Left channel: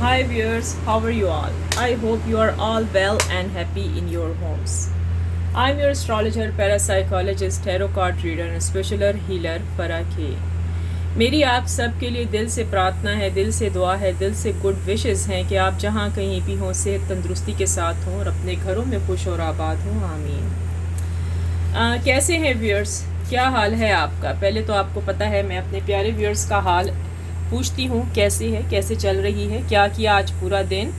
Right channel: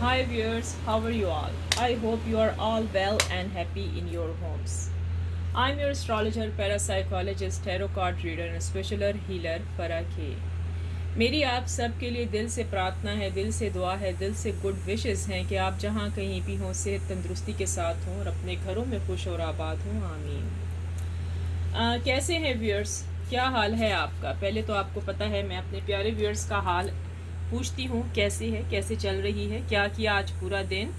Hi viewers, how are you all? I hope you are all well and happy in your homes. I'm your astrologer, parapsychologist, tarot card reader and special healer Farah K. मेरी आप सब के लिए दिल से प्रार्थना है, दिल से दुआ है, दिल से गुड विशेस हैं कि आप जहाँ कहीं भी हों सेहत तंदुरुस्ती के साथ हों और अपने घरों में खुश और आबाद हों। आमीन। कैसे हैं व्यूअर्स? क्या हाल है आपका? पहले तो आपको पता है मैं अपने प्यारे व्यूअर्स का हाल पूछती हूँ, कैसी है, कैसे चल रही है, क्या किया आज पूरा दिन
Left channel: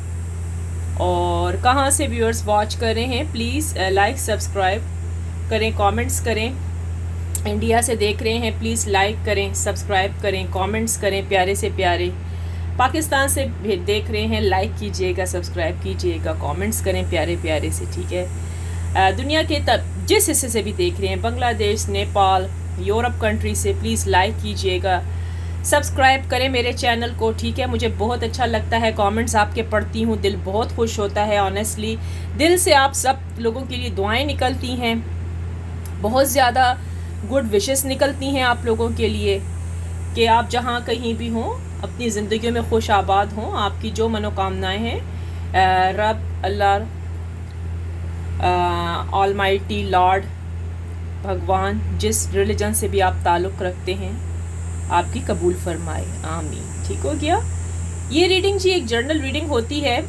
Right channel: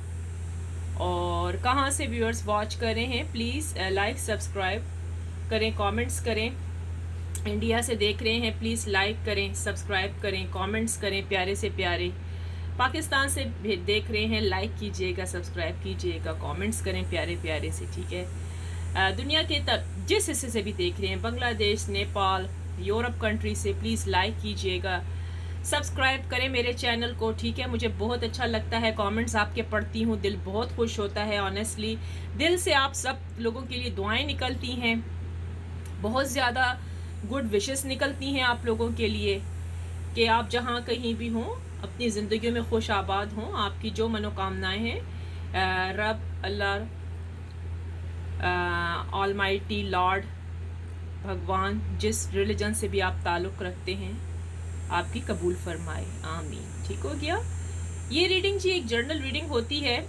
और कहाँ से व्यूअर्स वॉच कर रहे हैं। प्लीज़ लाइक सब्सक्राइब करें, कमेंट्स करें। इंडिया से देख रहे हैं प्लीज़ लाइक करें, सब्सक्राइब करें, कमेंट्स करें प्यारे से प्यारे। पाकिस्तान से देख रहे हैं लाइक कीजिएगा, सब्सक्राइब कीजिएगा, कमेंट्स करें प्यारे प्यारे से, ठीक है। दुनिया के जिस हिस्से से भी देख रहे हैं, बांग्लादेश, नेपाल, यूरोप कंट्री से, प्लीज़ लाइक कीजिएगा, सब्सक्राइब करें मेरे चैनल को, ठीक है। मुझे बहुत अच्छा लगता है, कमेंट्स आपके पढ़ती हूँ, दिल बहुत खुश होता है। ऑनेस्टली दिल से आप सब लोगों के लिए दुआएं निकलती हैं, बहुत ज़्यादा गुड विशेस निकलती हैं आप लोगों के लिए कि आप जहाँ कहीं भी हों अपनी ज़िंदगी में खुश आबाद हों। आपकी जो मनोकामनाएं हैं रब अल्लाह ऑलमाइटी लॉर्ड भगवान, जिस रिलीजन से भी आप ताल्लुक़ रखते हैं, आपकी कबूल फरमाए। आमीन। ठीक हो गया। ये रीडिंग जी एक जर्नल रीडिंग होती है,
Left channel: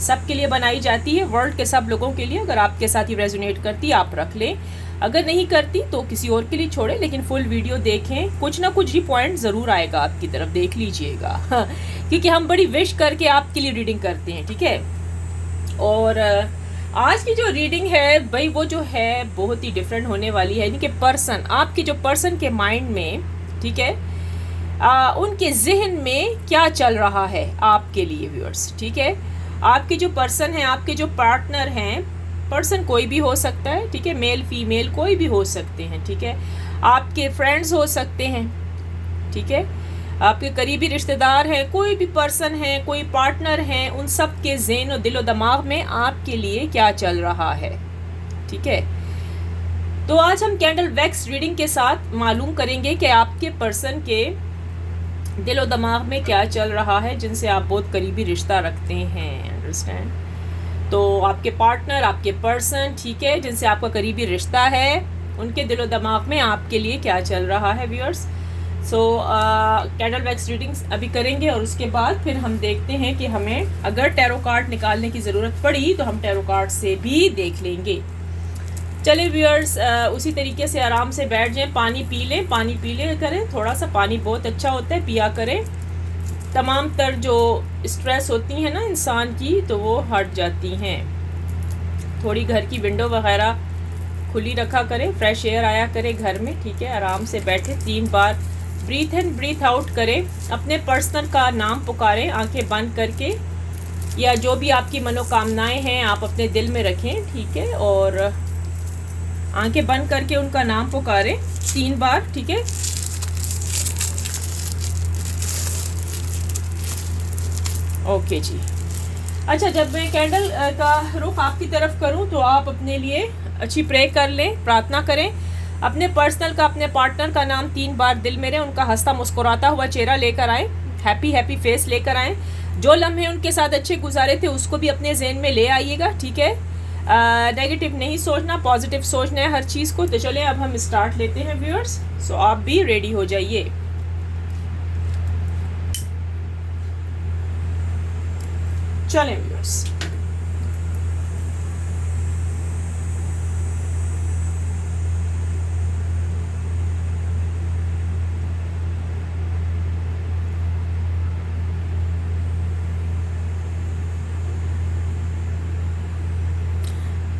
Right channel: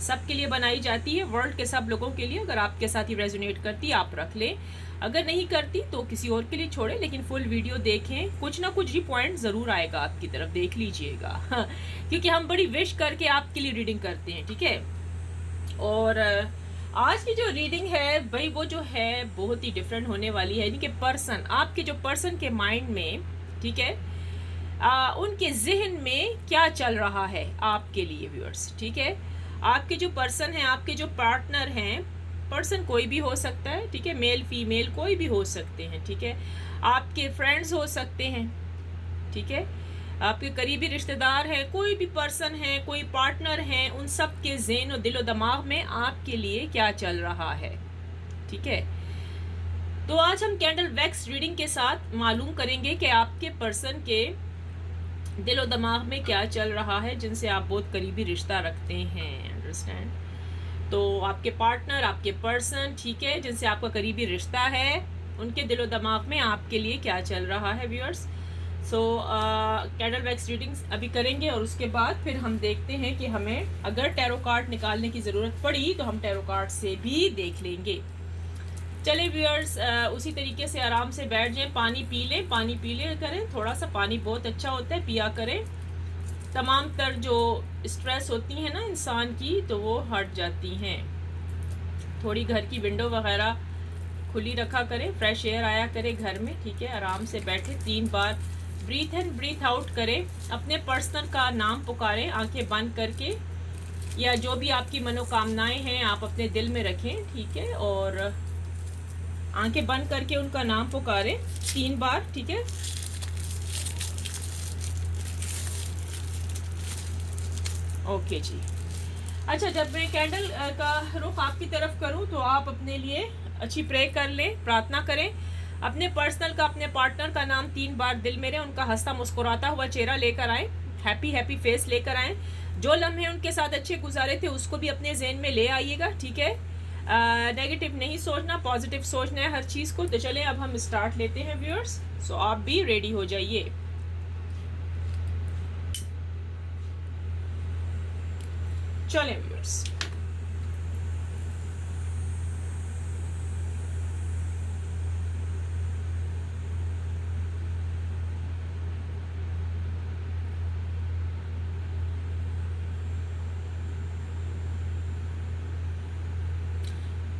सब के लिए बनाई जाती है, वर्ल्ड के सब लोगों के लिए। अगर आपके साथ ही रेजोनेट करती आप रख लें, अगर नहीं करती तो किसी और के लिए छोड़ें, लेकिन फुल वीडियो देखें, कुछ ना कुछ ही पॉइंट ज़रूर आएगा आपकी तरफ, देख लीजिएगा। क्योंकि हम बड़ी विश करके आपके लिए रीडिंग करते हैं, ठीक है। और आज की जो रीडिंग है भाई वो जो है बहुत ही डिफरेंट होने वाली है, यानी कि पर्सन, आपके जो पर्सन के माइंड में, ठीक है, उनके जहन में क्या चल रहा है आपके लिए व्यूअर्स, ठीक है। आपके जो पर्सन हैं, आपके जो पार्टनर हैं, पर्सन कोई भी हो सकता है, ठीक है, मेल फीमेल कोई भी हो सकते हैं, ठीक है। आपके फ्रेंड्स हो सकते हैं, ठीक है, आपके करीबी रिश्तेदार हैं, कोई भी पर्सन है, कोई पार्टनर हैं, उन सब के ज़हन और दिलो दिमाग में आपके लिए क्या चल रहा है, ठीक है। तो आज हम कैंडल वैक्स रीडिंग के साथ मालूम करेंगे कि आपके पर्सन के दिलो दिमाग में क्या चल रहा है, जिनसे आप बहुत करीबी रिश्ता रखते हैं, अंडरस्टैंड। तो आपके पार्टनर, आपके पर्सन, ठीक है, जिनसे आपका करीबी रिश्ता है, उनके दिलो दिमाग में आपके लिए क्या चल रहा है व्यूअर्स। सो कैंडल वैक्स रीडिंग्स अभी करेंगे और उसके बाद फिर हम देखते हैं कि हमें अगर टैरो कार्ड निकालने की ज़रूरत पड़ी तो हम टैरो कार्ड से भी देख लेंगे। चले व्यूअर्स, उसी तरीके से आराम से बैठ जाएं, पानी पी लें, पानी पी ले करें, थोड़ा सा पानी बहुत अच्छा होता है, पिया करें। तमाम तर जो स्ट्रेस होती हैं ना इंसान की, तो वो हट जाती हैं। थोड़ी घर की विंडो वगैरह खुली रखा करें, फ्रेश एयर आया करे घर में, ठीक है। आराम से बैठे, 3 बार ब्रीथ इन ब्रीथ आउट करें, अपने पर्सनल का नाम पुकारें आंखें बंद करके, या जो भी आपकी मनोकामनाएं हैं आप अपने दिल में रखें, ठीक है, और आंखें बंद करके उनका नाम पुकारें 3 बार, ठीक है। ओके जी। अच्छा, जब मैं कैंडल का रुख आपकी तरफ करूं तो आप अपने लिए अच्छी प्रे कर लें, प्रार्थना करें, अपने पर्सनल का, अपने पार्टनर का नाम 3 बार दिल में रहे, उनका हंसता मुस्कुराता हुआ चेहरा लेकर आए, हैप्पी हैप्पी फेस लेकर आए। जो लम्हे उनके साथ अच्छे गुजारे थे उसको भी अपने जहन में ले आइएगा, ठीक है। नेगेटिव नहीं सोचना, पॉजिटिव सोचना है हर चीज़ को। तो चलें अब हम स्टार्ट लेते हैं व्यूअर्स। सो आप भी रेडी हो जाइए। चलें व्यूअर्स।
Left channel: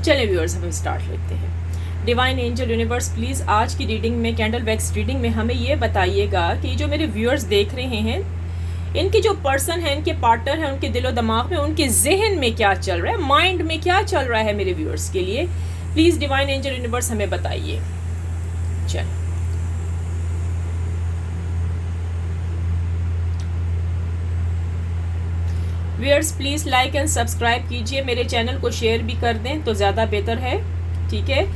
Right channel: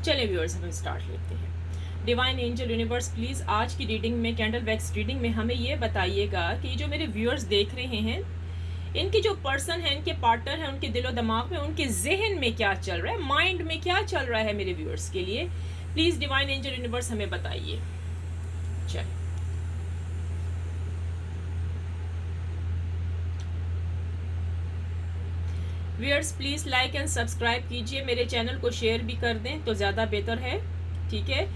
चले व्यूअर्स, हम स्टार्ट लेते हैं। डिवाइन एंजल यूनिवर्स, प्लीज़ आज की रीडिंग में, कैंडल वैक्स रीडिंग में, हमें ये बताइएगा कि जो मेरे व्यूअर्स देख रहे हैं, इनके जो पर्सन है, इनके पार्टनर हैं, उनके दिलो दिमाग में, उनके जहन में क्या चल रहा है, माइंड में क्या चल रहा है मेरे व्यूअर्स के लिए। प्लीज़ डिवाइन एंजल यूनिवर्स हमें बताइए। चलिए, viewers please like and subscribe कीजिए, मेरे चैनल को शेयर भी कर दें तो ज़्यादा बेहतर है, ठीक है।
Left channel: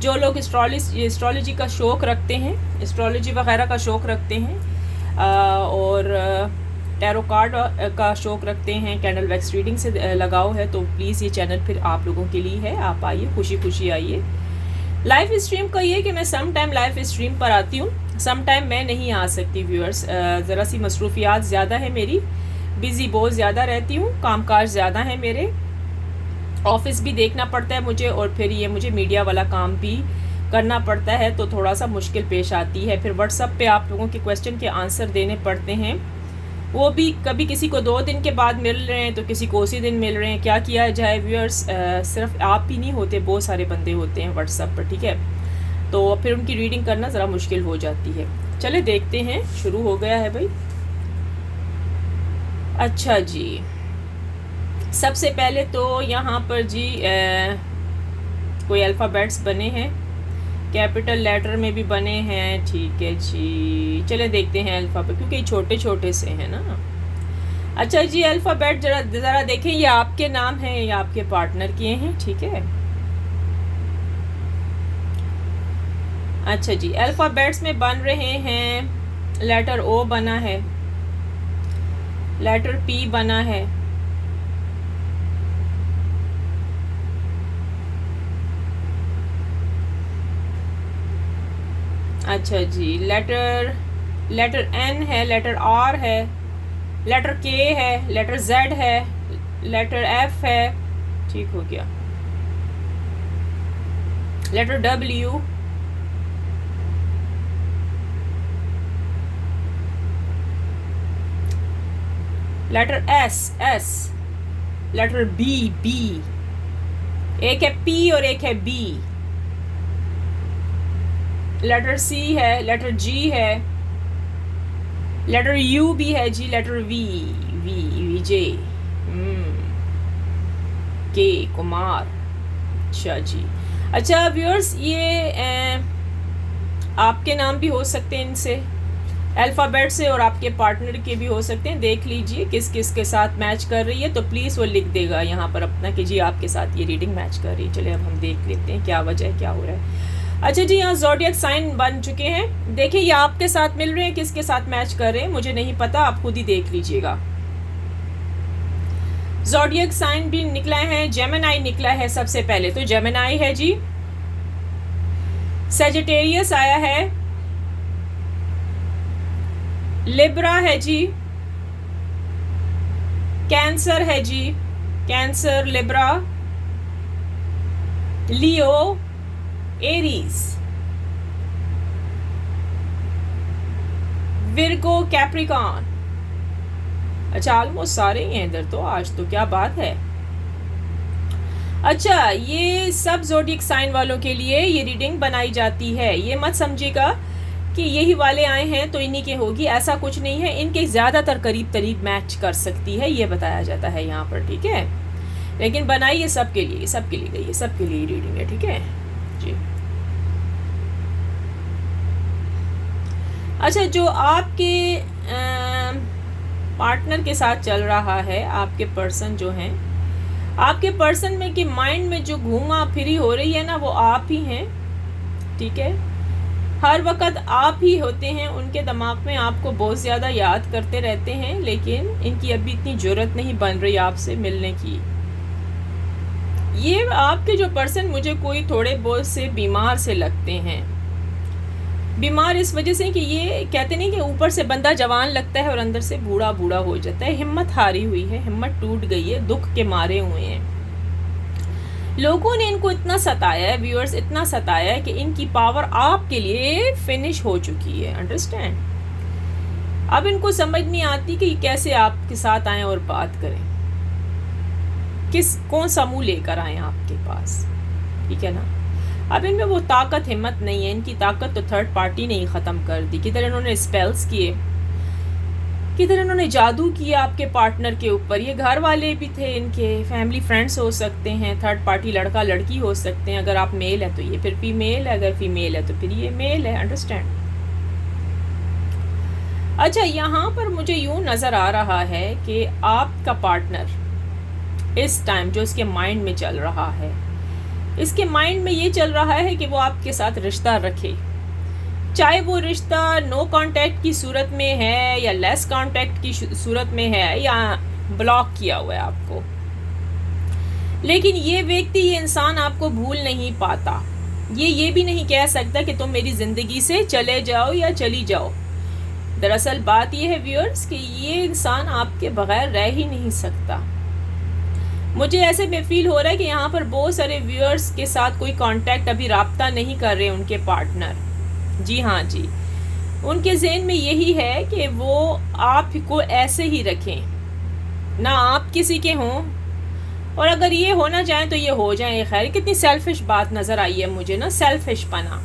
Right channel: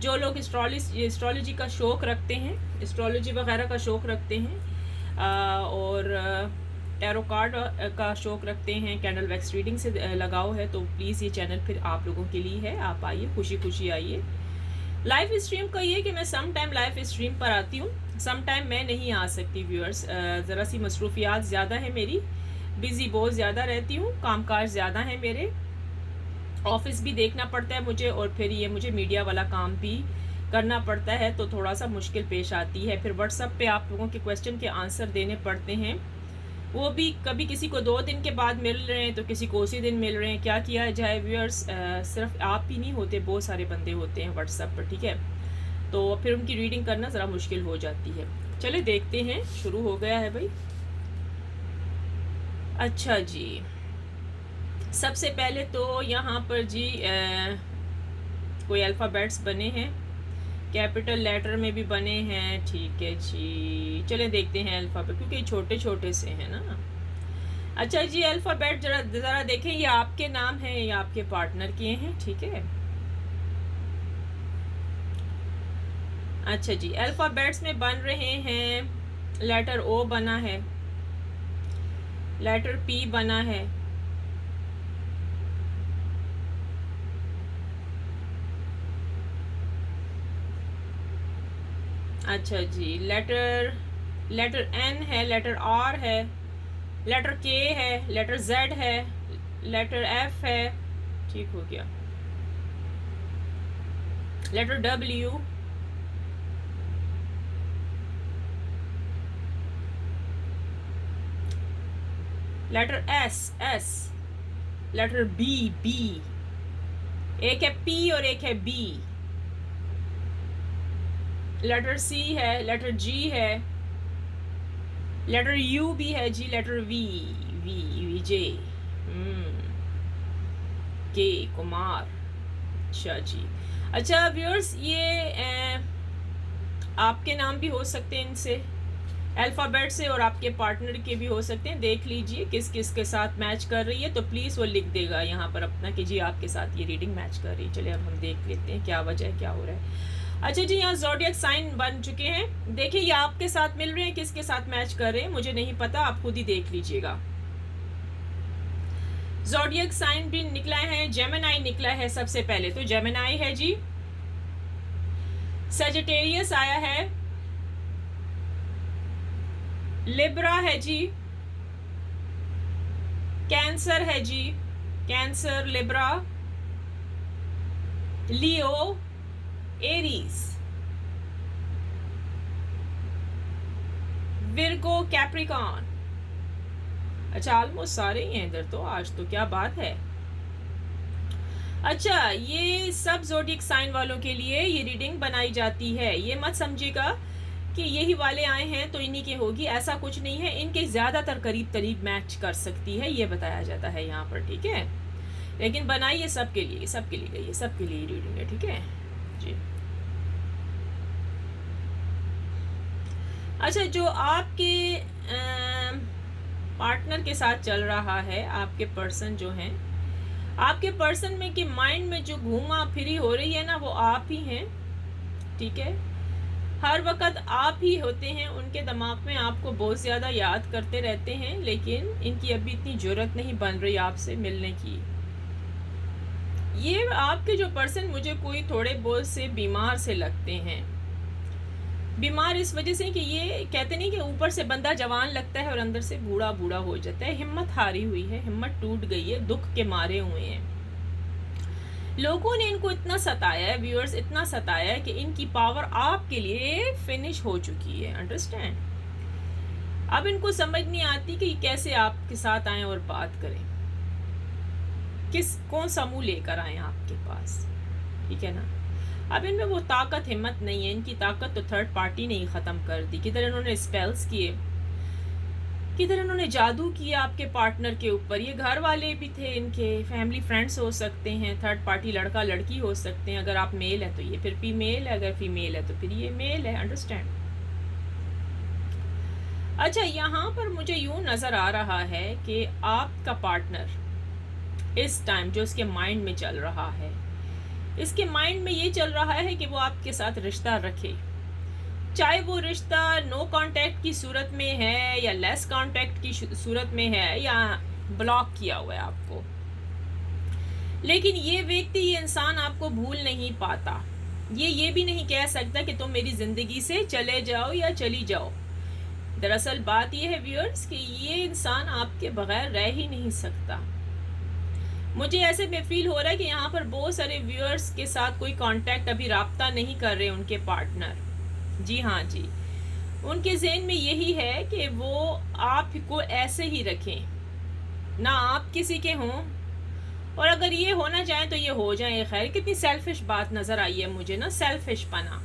जो लोग एस्ट्रोलॉजी का शौक़ रखते हैं, एस्ट्रोलॉजी वगैरह का शौक़ रखते हैं और टैरो कार्ड का शौक रखते हैं, कैंडल वैक्स रीडिंग से लगाव है, तो प्लीज़ ये चैनल फिर आप लोगों के लिए है। आप आइए, खुशी खुशी आइए। लाइव स्ट्रीम का ये कि मैं सम टाइम लाइव स्ट्रीम पर आती हूँ, सम टाइम मैं नहीं आ सकती व्यूअर्स। ज़रा सी मसरूफियात ज़्यादा है मेरी, बिज़ी बहुत ज़्यादा रहती हूँ, कामकाज ज़्यादा है मेरे, ऑफिस भी देखना पड़ता है मुझे, और फिर ये मुझे मीडिया वाला काम भी करना पड़ता है, तो थोड़ा सा मुश्किल पेश आती है। फिर व्हाट्सएप पे आप लोगों के क्वेश्चन के आंसर देने पड़ते हैं, वो भी कभी किसी को 2 दिन के बाद मिल रहे हैं तो किसी को उसी दिन मिल रहे हैं। क्या किया जाए व्यूअर्स, सिर्फ आप ही नहीं होते, बहुत सारे बंदे होते हैं व्हाट्सएप पर, ठीक है, तो फिर उनकी रीडिंग करना ज़रा मुश्किल हो जाती है। चले देखते हैं, शुरू हो गया है भाई। अच्छा जी, सबसे पहले तो यहाँ पर जी कोई अल्फ़ाबेट्स बने हैं, कैपिटल लेटर में भी बने हैं, ठीक है जी। चले देखते हैं अल्फ़ाबेट, क्योंकि ये छोटे छोटे से हैं ना। अच्छा जी, अल्फ़ाबेट ज़रा देखें, ये आपके नाम हैं या आपके पार्टनर के हैं, ठीक है। अच्छा जी, अल्फ़ाबेट्स में बन रहे हैं, लेटर ओ बना है, लेटर पी बना है, अच्छा जी, लेटर एन है, लेटर आर है, लेटर के है, लेटर जेड है, लेटर एफ है, ठीक हो गया, letter W, letter S, letter B, एक है पी और एक है बी, लेटर सी है, लेटर जी है, लेटर यू भी है जी, लेटर विजय, के कुमार, अच्छा जी। अच्छा व्यूअर्स, ये आपके नाम भी हो सकते हैं इनसे, अल्फ़ाबेट से, और आपके पार्टनर के भी हो सकते हैं। देख लीजिए किस किस के साथ मैच कर रही है, तो प्लीज़ वो लिख देगा यहाँ पर अपना कि जी आपके साथ ये रीडिंग मैच कर रही है। चलिए अब हम देख लेते हैं क्या वजह है, क्या हो रहा है। अच्छा जी, यहाँ ज़ोडिएक साइन बन चुके हैं, देखिए ये आपके साथ मिल रहे हैं, किसके साथ मैच कर रहे हैं मुझे नहीं पता, आप खुद ही देख लीजिएगा। ज़ोडिएक साइन भी निकला है, जेमिनाई निकला है, सबसे पहले तो जेमिनाई है जी, सजिटेरियस आया है, लिब्रा है जी, कैंसर है जी, कैंसर, लिब्रा, लियो, एरीज, विर्गो, कैप्रिकॉन। अच्छा, ऑलमोस्ट सारे ही हैं इधर तो, आज तो क्या बात है। अच्छा, ये सब ज़ोडिएक साइन वालों के लिए ये रीडिंग बनाई जाती है, ये मत समझिएगा कि यही वाले आए हैं तो इन्हीं के होगी, ऐसा कुछ नहीं है, इनके ज़्यादातर करीब मैच कर सकती है, ये बताया जाता है यहाँ पर, ठीक है। लेकिन बनाई ये सबके लिए, सबके लिए गई है, सबके लिए रीडिंग है, ठीक है जी। अच्छा, जो आपके पार्टनर के साथ चल रहा है, आपके पर्सन जो हैं, आपके पर्सन में कि माइंड में जो घूमा फिरी हो रही है ना, वो आप ही हैं, ठीक है। हर वक्त आप ही होते हैं उनके दिमाग में, आपको बहुत ज़्यादा याद करते रहते हैं, लेकिन इनकी अभी इतनी ज़रूरत नहीं बन रही आपसे मिलने की। ये आपके जो पर्सन मुझे कोई थोड़े बहुत से बीमार से लगते हैं, बीमार इस वजह से कि ये कहते नहीं कि ऊपर से बंदा जवान लगता है और अंदर से बूढ़ा बूढ़ा हो जाता है, हिम्मत हारी हुई है, हिम्मत टूट गई है, दुख के मारे हुए हैं। लोगों ने इनको इतना सताया है व्यूअर्स, इतना सताया है कि इनकी पावर आपके लिए फिनिश हो चुकी है, अंडरस्टैंड। अब इनको समझ नहीं आती कि कैसे आपके साथ आए और बात करें, कौन सा मुंह लेकर आए आपके पास, ठीक है ना। अब इनमें वो ताकत हिम्मत नहीं है, इनकी ताकत तो थर्ड पार्टी ने ही ख़त्म कर दी। किधर इन्होंने स्पेल्स किए, किधर इन्होंने जादू किया आपके पार्टनर के ऊपर। ये घर वाले भी थे इनके, फैमिली फ्रेंड्स हो सकते हैं, थर्ड पार्टी लड़का लड़की हो सकते हैं, अगर आप मेल है तो ये फिर फीमेल है, अगर फीमेल है तो फिर ये मेल है, अंडरस्टैंड। अच्छा, यहाँ पर मुझे यूँ नज़र आ रहा है कि आपका पार्टनर इस टाइम जो इसके माइंड में चल रहा है, इसके माइंड में ये चल रहा है कि वो आपके साथ रिश्ता रखे, चाहे वो रिश्ता नो कांटेक्ट की सूरत में है या लेस कांटेक्ट की सूरत में है या ब्लॉक किया हुआ है आपको, लेकिन ये व्यक्ति, ये इंसान आपको भूल नहीं पाता। ये भी नहीं कह सकता कि तुम मेरी ज़िंदगी से चले जाओ या चली जाओ। दरअसल बात ये है व्यूअर्स कि ये इंसान आपके बगैर रह ही नहीं सकता। मुझे ऐसे में फील हो रहा है कि यहाँ पर बहुत सारे व्यूअर्स के साथ कोई कांटेक्ट, अभी राब्ता नहीं कर रहे उनके पार्टनर। जी हाँ जी, उनके ज़हन में यही है कि वो आपको ऐसे ही रखें, ना आप किसी के हों, और अगर ये होना चाहें तो ये हो जाए। खैर, कितनी सेल्फिश बात नज़र आई है मुझे ना, सेल्फिश पना,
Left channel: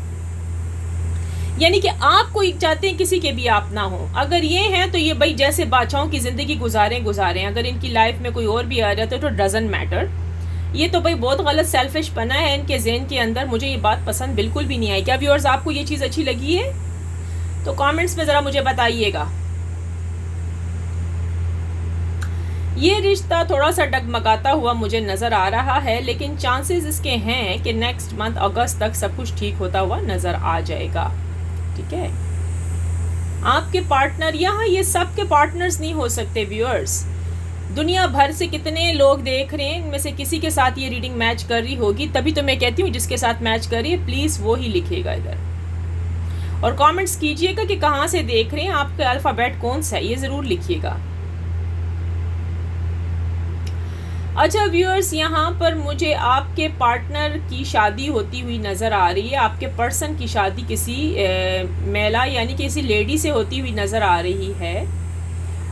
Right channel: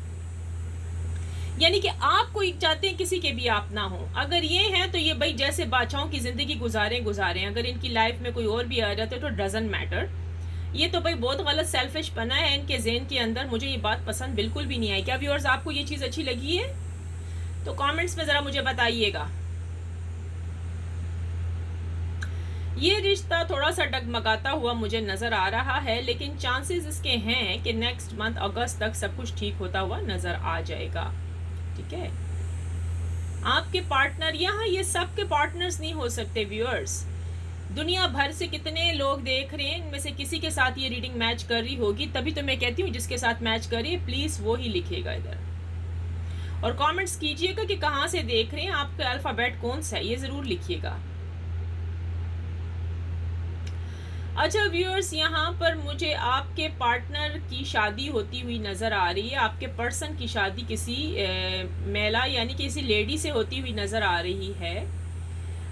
यानी कि आप कोई चाहते हैं किसी के भी आप ना हो। अगर ये हैं तो ये भाई जैसे बादशाहों की ज़िंदगी गुजारें। अगर इनकी लाइफ में कोई और भी आ जाता है तो डजंट मैटर। ये तो भाई बहुत गलत सेल्फिश पना है इनके ज़हन के अंदर। मुझे ये बात पसंद बिल्कुल भी नहीं आई। क्या व्यूअर्स आपको ये चीज़ अच्छी लगी है? तो कमेंट्स में ज़रा मुझे बताइएगा। ये रिश्ता थोड़ा सा डगमगाता हुआ मुझे नज़र आ रहा है, लेकिन चांसेस इसके हैं कि नेक्स्ट मंथ अगस्त तक सब कुछ ठीक होता हुआ नज़र आ जाएगा। ठीक है, आपके पार्टनर, यहाँ ये सब के पार्टनर्स नहीं हो सकते व्यूअर्स। दुनिया भर से कितने लोग देख रहे हैं, इनमें से किसी के साथ ये रीडिंग मैच कर रही होगी। तभी तो मैं कहती हूँ जिसके साथ मैच कर रही है प्लीज़ वो ही लिखेगा इधर, और कमेंट्स कीजिएगा कि कहाँ से देख रहे हैं, आपका अल्फ़ाबेट कौन सा है, ये ज़रूर लिखिएगा। अच्छा व्यूअर्स, यहाँ पर मुझे आपके पार्टनर की शादी होती हुई नज़र आ रही है। आपके पर्सन की शादी किसी महिला यानी किसी लेडी से होती हुई नज़र आ रही है।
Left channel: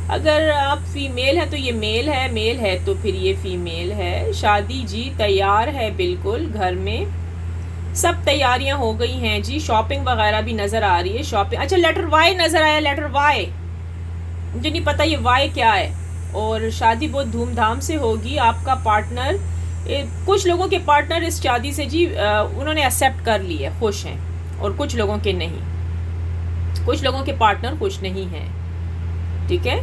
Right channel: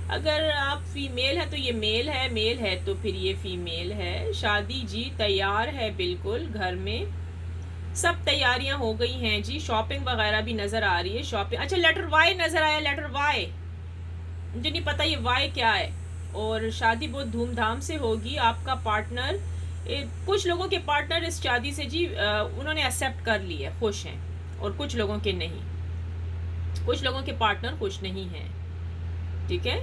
अगर आप फीमेल है तो ये मेल है, मेल है तो फिर ये फीमेल है। शादी जी तैयार है, बिल्कुल घर में सब तैयारियां हो गई हैं जी। शॉपिंग वगैरह भी नज़र आ रही है, शॉपिंग। अच्छा, लेटर वाई नज़र आया, लेटर वाई। मुझे नहीं पता ये वाई क्या है। और शादी बहुत धूमधाम से होगी। आपका पार्टनर, कुछ लोगों के पार्टनर इस शादी से जी उन्होंने एक्सेप्ट कर ली है, खुश हैं, और कुछ लोगों के नहीं, कुछ लोगों के पार्टनर खुश नहीं हैं। ठीक है,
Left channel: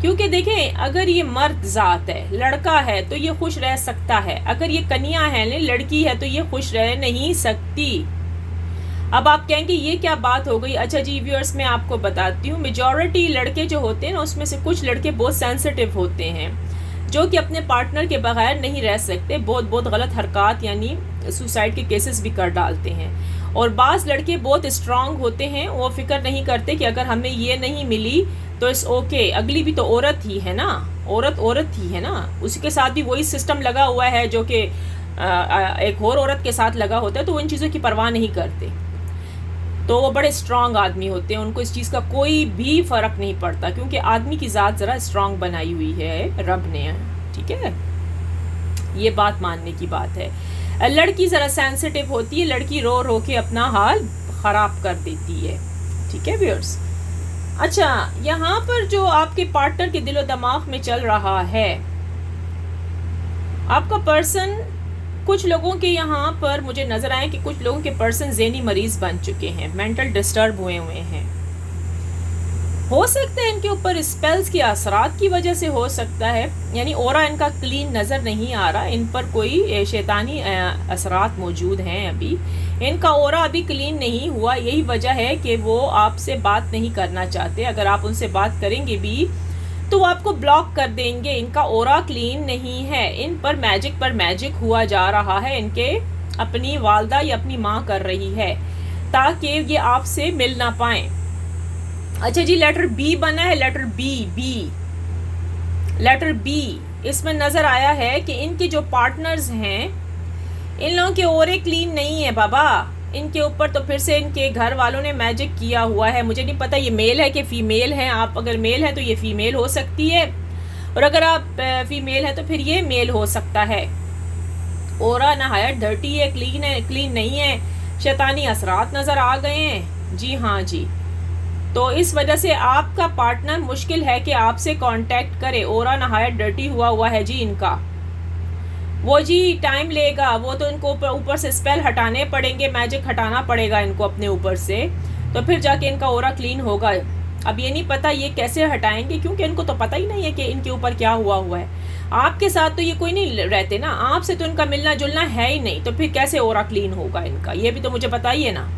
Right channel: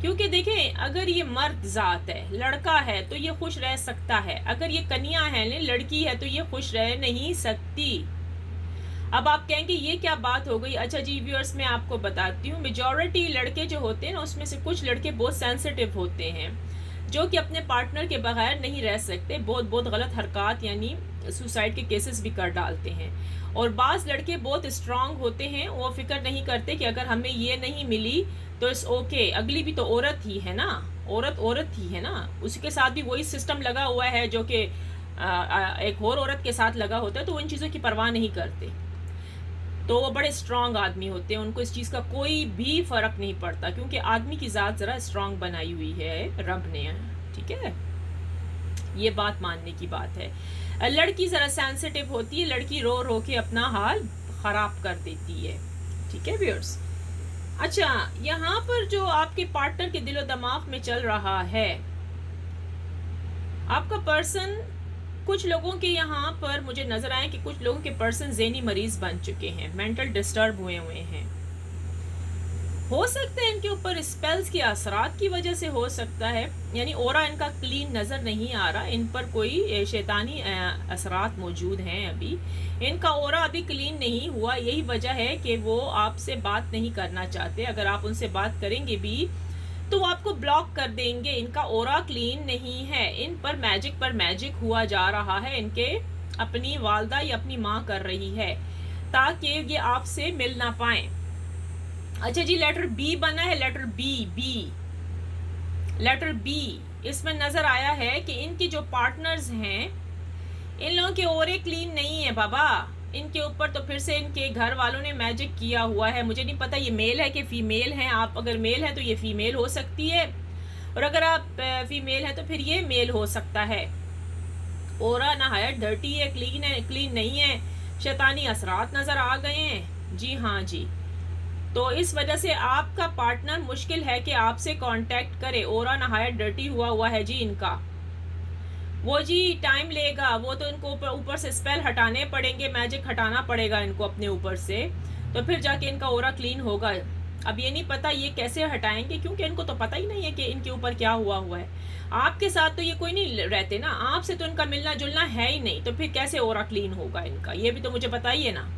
क्योंकि देखें, अगर ये मर्द ज़ात है, लड़का है तो ये खुश रह सकता है। अगर ये कन्या है, लड़की है, तो ये खुश रह नहीं सकती। अब आप कहेंगे ये क्या बात हो गई। अच्छा जी व्यूअर्स, मैं आपको बताती हूँ, मेजॉरिटी लड़के जो होते हैं ना, उसमें से कुछ लड़के बहुत सेंसिटिव होते हैं, जो कि अपने पार्टनर के बगैर नहीं रह सकते। बहुत गलत हरकत यानी सुसाइड के केसेस भी कर डालते हैं। और बाज़ लड़के बहुत स्ट्रांग होते हैं, वो फिक्र नहीं करते कि अगर हमें ये नहीं मिली तो इट्स ओके, अगली भी तो औरत ही है ना, औरत ही है ना, उसके साथ भी वही सिस्टम लगा हुआ है जो कि एक और औरत के साथ लगा होता है। तो वो इन चीज़ों की परवाह नहीं करते, तो वो बड़े स्ट्रांग आदमी होते हैं, उनको इस चीज़ का कोई भी फ़र्क नहीं पड़ता, क्योंकि आदमी की ज़ात ज़रा स्ट्रांग बनाई हुई है रब ने। ठीक है, ये बात मानने की बात है। लड़की ज़रा सेंसिटिव होती है, लड़की रो रो के अपना हाल ख़राब कर देती है। ठीक है व्यूअर्स। अच्छा, यहाँ पर जो आपके पार्टनर के दिलो दिमाग में चल रहा है, आपका पर्सन, कुछ लोगों के यहाँ पर मुझे नज़र आए कि कुछ लोगों के पर्सन ज़हनी मरीज़ बन चुके हैं, मेंटल डिस्टर्ब हुए हैं। हो सकता है इनके ऊपर स्पेल्स के असरात की वजह से हो सकता है, यानी ऑरा इनका क्लीन नज़र नहीं आ रहा, इन पर कोई शैतानी असरात मौजूद हैं। अभी इनका ऑरा अभी क्लीन नहीं हुआ, यही वजह है कि वो आपसे बात नहीं करना चाहते। अगर आप उनसे बात करेंगे भी तो वो आपको ब्लॉक कर देंगे। इनका ऑरा क्लीन नहीं है, इन पर मैजिक हुआ जा रहा है। इनके अपनी वालदा या अपनी माँ कर रही है ताकि ये आपसे मिल ना पाए। अच्छा जी, लेटर बी बना है, लेटर बी, लेटर बी। इसमें नज़र आया है कि इनके जो पार्टनर्स हैं, इन लोगों के ऑरे क्लीन नहीं है बाबा। इनके ऊपर तो फिर से इनके घर वालों ने मैजिक किया हुआ है। मुझे नहीं पता ये मेल है कि फ़ीमेल है। आप अगर मेल है तो ये फ़ीमेल हो सकती है, और अगर आप फीमेल है तो फिर ये मेल हो सकता है। ऑरा नहायत डर्टी है, क्लीन नहीं है, शैतानी असरात नज़र आ गए हैं। जी हाँ जी, तो इस वजह से आपका पार्टनर मुश्किल है कि आपसे कांटेक्ट करे। ऑरा नहायत डर्टी हुआ है जी इनका। वो जी टाइम लेगा, वो तो इनको ऊपर से स्पेल हटाने पड़ेंगे, मैजिक हटाना पड़ेगा इनको अपने ऊपर से, तो फिर जाके इनका ऑरा क्लीन होगा। अब ये नहीं पता ये कैसे हटाएंगे, क्योंकि इनको तो पता ही नहीं है कि इनके ऊपर क्या हुआ है। आपके साथ तो ये कोई नहीं रहते ना, आपसे तो इनका मिलना जुलना है ही नहीं, तो फिर कैसे ऑरा क्लीन होगा इनका, ये भी तो मुझे बताइए ना।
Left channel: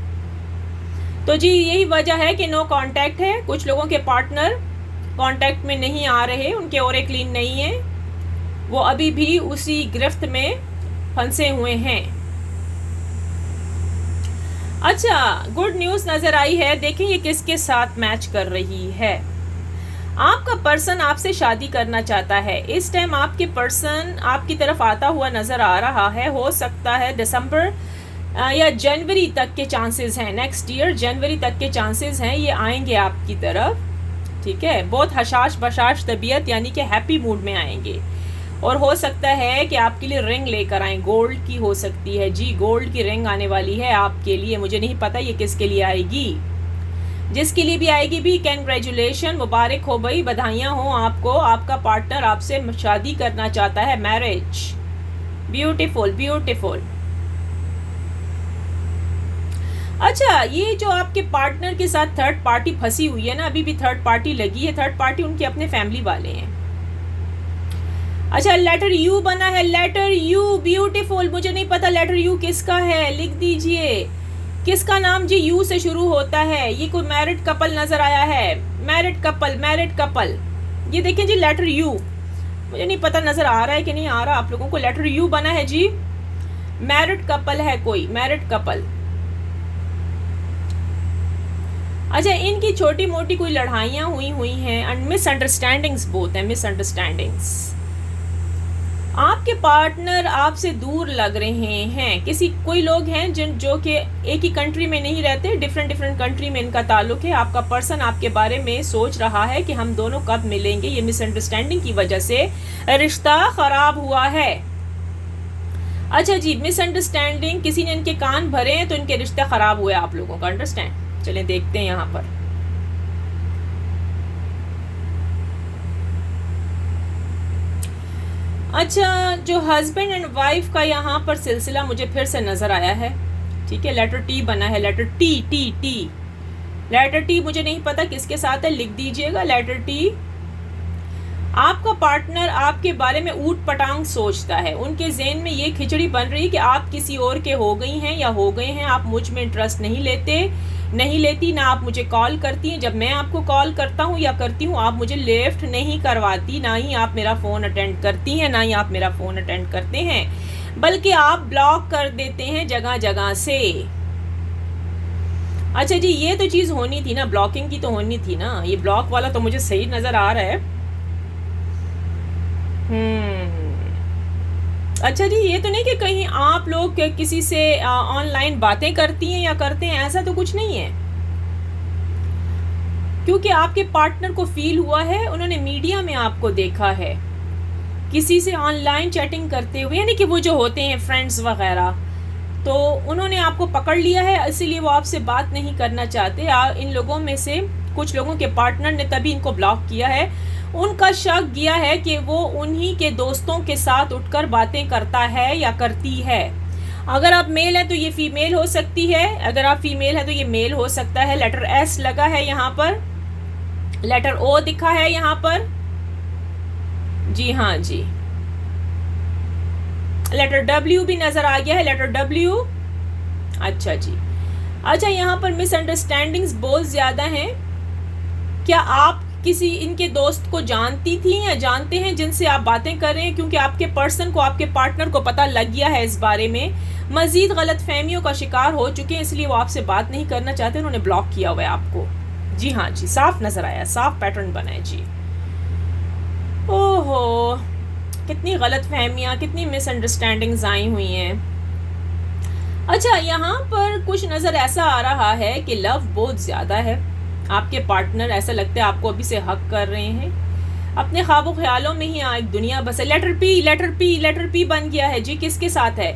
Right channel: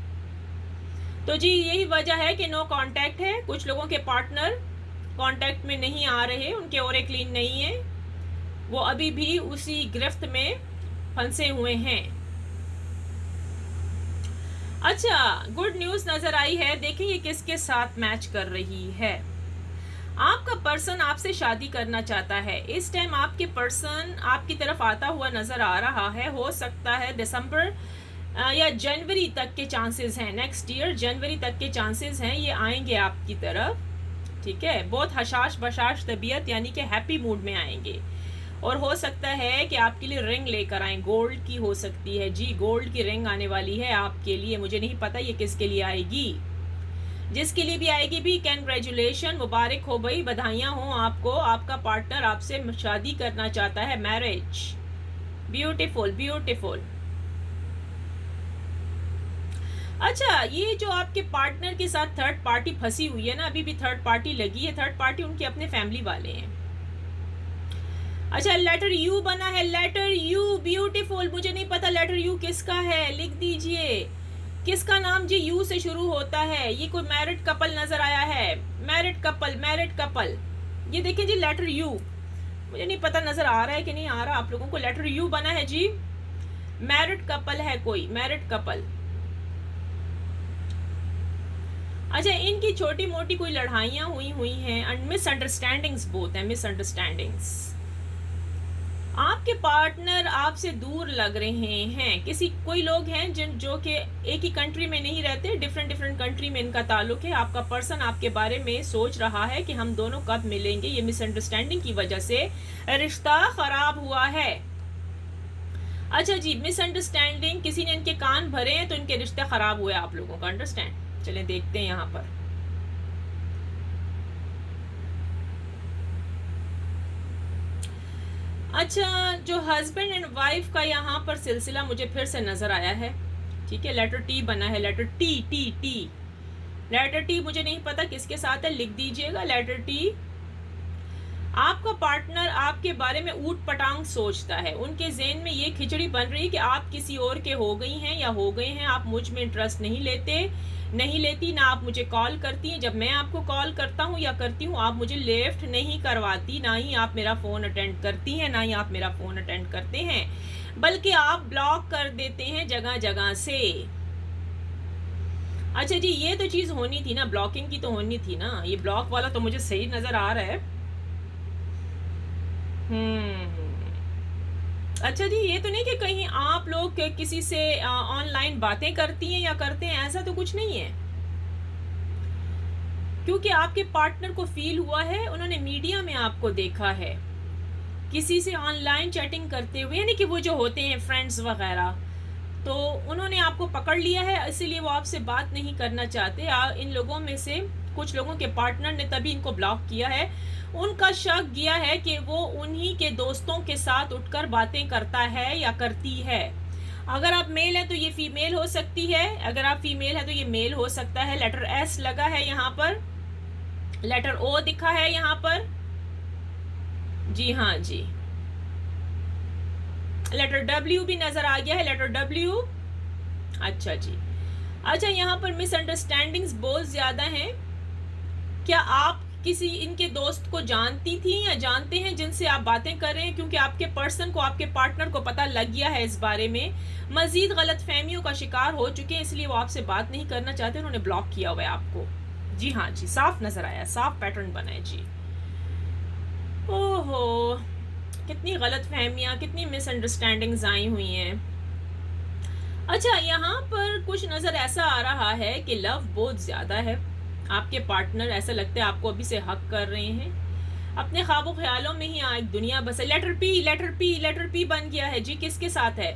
तो जी यही वजह है कि नो कांटेक्ट है। कुछ लोगों के पार्टनर कांटेक्ट में नहीं आ रहे, उनके ओरे क्लीन नहीं है, वो अभी भी उसी गिरफ्त में फंसे हुए हैं। अच्छा, गुड न्यूज़ नज़र आई है। देखिए ये किसके साथ मैच कर रही है। आपका पर्सन आपसे शादी करना चाहता है। इस टाइम आपके पर्सन आपकी तरफ आता हुआ नज़र आ रहा है। हो सकता है दिसंबर या जनवरी तक के चांसेस हैं, नेक्स्ट ईयर जनवरी तक के चांसेस हैं, ये आएंगे आपकी तरफ। ठीक है, बहुत हशाश बशाश तबीयत यानी कि हैप्पी मूड में आएंगे। और हो सकता है कि आपके लिए रिंग लेकर आएँ, गोल्ड की हो सकती है जी, गोल्ड की रिंग आने वाली है आपके लिए। मुझे नहीं पता ये किसके लिए आएगी, जिसके लिए भी आएगी भी कैंग्रेचुलेशन, मुबारक हो भाई, बधाइयाँ हो आपको। आपका पार्टनर आपसे शादी करना चाहता है, मैरिज। Beautiful beautiful. अच्छा, ये जो आपके पार्टनर के साथ थर्ड पार्टी फंसी हुई है ना, अभी भी थर्ड पार्टी लगी है, थर्ड पार्टी उनके अपने फैमिली वाले हैं। अच्छा, लेटर यू बना है, लेटर यू, ब्यूटीफुल। मुझे नहीं पता लेटर यू किसका है, लिख दीजिए किसका नाम जी यू से शुरू होता है। ये कोई मैरिड कपल नजर आया है, मैरिड कपल, मैरिड कपल। ये देखिए जी लेटर यू, मुझे नहीं पता नजर आ रहा है कि नहीं आ रहा आप लोगों को। लेटर यू बना है जी, मैरिड कपल है, कोई मैरिड कपल। अच्छा, इनकी छोटी मोटी कोई लड़ाइयाँ हुई हैं एंड मिसअंडरस्टैंडिंग्स बहुत है, मिसअंडरस्टैंडिंग्स। आपके पार्टनर आपसे दूर लग रहे हैं। कोई लोग हैं जो कि एक ही कंट्री में नहीं रहते, डिफरेंट डिफरेंट कंट्री में इनका ताल्लुक है। आपका पर्सन आपके बारे में सोच रहा है कि हम दोनों कब मिलेंगे। ये मिसअंडरस्टैंडिंग की वजह से रिश्ता खराब हुआ है। अच्छा जी, मिसअंडरस्टैंडिंग, किसी ने इनके कान भरे हैं तो इनके रिश्ते खराब हुए आप लोगों का, अंडरस्टैंड। चलिए देखते हैं यहाँ पर। अच्छा, जो हस्बैंड एंड वाइफ का यहाँ पर सिलसिला मुझे फिर से नज़र आया है। ठीक है, लेटर टी बना है, letter T T T, letter T. मुझे नहीं पता किसके साथ है, लिख दीजिएगा लेटर टी। आपका पार्टनर आपके बारे में ऊट पटांग सोचता है। उनके ज़हन में ये खिचड़ी बन रही कि आप किसी और के हो गई हैं या हो गए हैं। आप मुझ में इंटरेस्ट नहीं लेती, ना आप मुझे कॉल करती हैं। जब मैं आपको कॉल करता हूँ या करती हूँ, आप मुझे लिफ्ट नहीं करवाती, ना ही आप मेरा फ़ोन अटेंड करती हैं, ना ही आप मेरा फ़ोन अटेंड करते हैं, बल्कि आप ब्लॉक कर देते हैं जगह जगह से। अच्छा जी, ये तो चीज़ होनी थी ना, ब्लॉकिंग की तो होनी थी ना। ये ब्लॉक वाला तो मुझे सही नज़र आ रहा है। अच्छा जी, ये तो नहीं कि कहीं आप लोग किसी से ऑनलाइन बातें करती हैं या करते हैं, ऐसा तो कुछ नहीं है। क्योंकि आपके पार्टनर को फील हुआ है, उन्होंने मीडिया में आपको देखा है किसी से ऑनलाइन चैटिंग करते हुए, यानी कि वो जो होते हैं फ्रेंड्स वगैरह, तो उन्होंने आपको पकड़ लिया है, इसीलिए वो आपसे बात नहीं करना चाहते। इन लोगों में से कुछ लोगों के पार्टनर ने तभी इनको ब्लॉक किया है। उनका शक किया है कि वो उन्हीं के दोस्तों के साथ उठकर बातें करता है या करती है। अगर आप मेल है तो ये फीमेल हो सकती है, अगर आप फीमेल है तो ये मेल हो सकता है। लेटर एस लगा है यहाँ पर, लेटर ओ दिखा है यहाँ पर, जी हाँ जी। लेटर डब्ल्यू भी नजर आ गया है, लेटर डब्ल्यू। अच्छा जी। अच्छा, यहाँ पर मिसअंडरस्टैंडिंग्स बहुत ज़्यादा हैं। क्या आप किसी इनके दोस्त को जानती थी या जानते हैं जिनसे आप बातें कर रहे हैं? क्योंकि आपके पर्सन को, आपके पार्टनर को पता लग गया है इस बारे में, मजीद गलतफहमियों का शिकार हो चुके हैं, इसलिए वो आपसे बात नहीं करना चाहते, उन्होंने ब्लॉक किया हुआ है आपको। जी हाँ जी, साफ नजर आया, साफ पैटर्न बना है जी। ओहो, कितनी गलतफहमियाँ, कितनी मिसअंडरस्टैंडिंग्स आई हुई हैं। अच्छा, यहाँ पर कुछ नज़र ऐसा आ रहा है कि लव बहुत ज़्यादा है। आपके पार्टनर ऐसा लगता है आपको अभी से हक कर रहे हैं, अपने ख्वाबों ख्यालों में ही एक दुनिया बस है। Letter P, letter P, letter P बन गया है जी। किसके साथ है?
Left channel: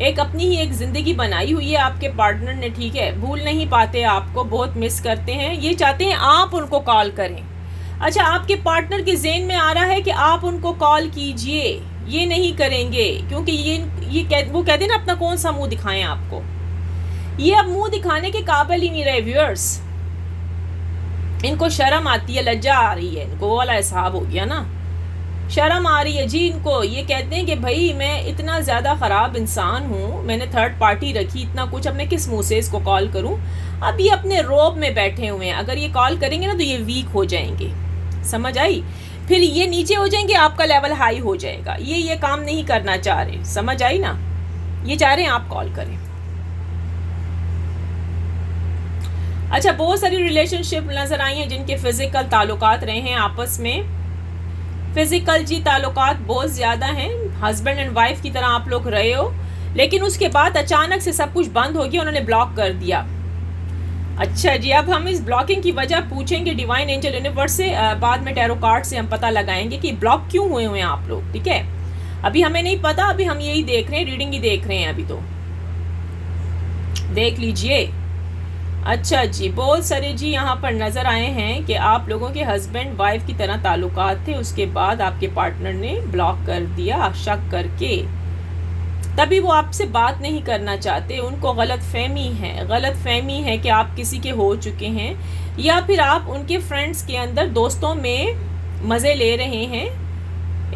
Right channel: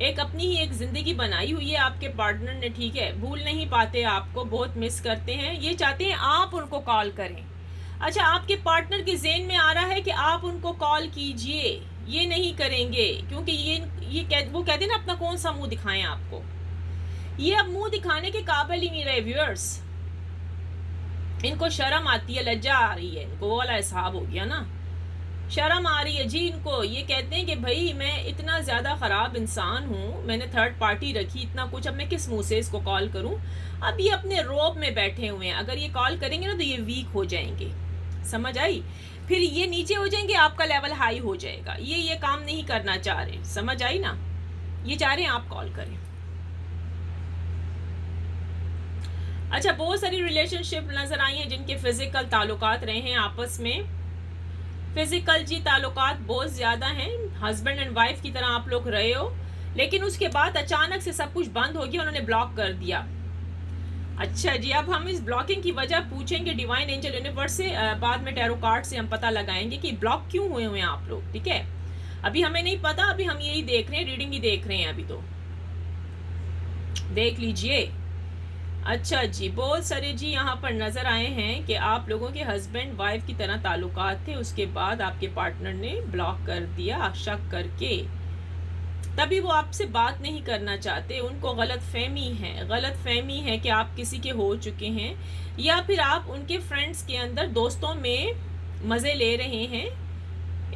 एक अपनी ही एक ज़िंदगी बनाई हुई है आपके पार्टनर ने, ठीक है, भूल नहीं पाते, आपको बहुत मिस करते हैं, ये चाहते हैं आप उनको कॉल करें। अच्छा, आपके पार्टनर के ज़हन में आ रहा है कि आप उनको कॉल कीजिए, ये नहीं करेंगे क्योंकि वो कहते हैं ना, अपना कौन सा मुंह दिखाएं आपको। ये अब मुंह दिखाने के काबिल ही नहीं रहे व्यूअर्स। इनको शर्म आती है, लज्जा आ रही है इनको, वो वाला हिसाब हो गया ना। शर्म आ रही है जी इनको। ये कहते हैं कि भाई मैं इतना ज़्यादा ख़राब इंसान हूँ, मैंने थर्ड पार्टी रखी इतना कुछ, अब मैं किस मुंह से इसको कॉल करूँ। अब ये अपने रोब में बैठे हुए हैं, अगर ये कॉल करेंगे ना तो ये वीक हो जाएंगे, समझ आई। फिर ये नीचे हो जाएंगे, आपका लेवल हाई हो जाएगा। ये काम नहीं करना चाह रहे, समझ आई ना। ये चाह रहे हैं आप कॉल करें। अच्छा, बहुत सारी रिलेशनशिप नज़र आई हैं जिनके फिज़िकल ताल्लुकात रहे हैं आपस में। फिज़िकल जी ताल्लुकात बहुत ज़्यादा हैं, हस्बैंड एंड वाइफ की तरह आप लोग रहे हो, लेकिन उसके बाद अचानक से सब कुछ बंद हो गया, उन्होंने ब्लॉक कर दिया। अच्छा जी, अब हम इस ब्लॉकिंग की वजह पूछेंगे डिवाइन एंजल यूनिवर्स से, बाद में टैरो कार्ड से हम पता लगाएंगे कि ब्लॉक क्यों हुए हैं आप लोग, ठीक है। अभी हमें नहीं पता, अभी हम यही देख रहे हैं, रीडिंग ही देख रहे हैं अभी, तो देख लीजिए। अच्छा जी, बहुत सारे जी यहाँ पर नज़र आए हैं कि आप लोगों के हस्बैंड वाइफ की तरह ताल्लुकात थे, उसके बाद आपके पार्टनर ने ब्लॉक कर दिया शक करके, तभी वो आपसे बात नहीं करना चाहते। उनको गलत फहमी है कि आप किसी के हो चुके हैं, या फिर आप उनके फ्रेंड्स के अंदर दोस्तों में मज़े ले रहे हैं।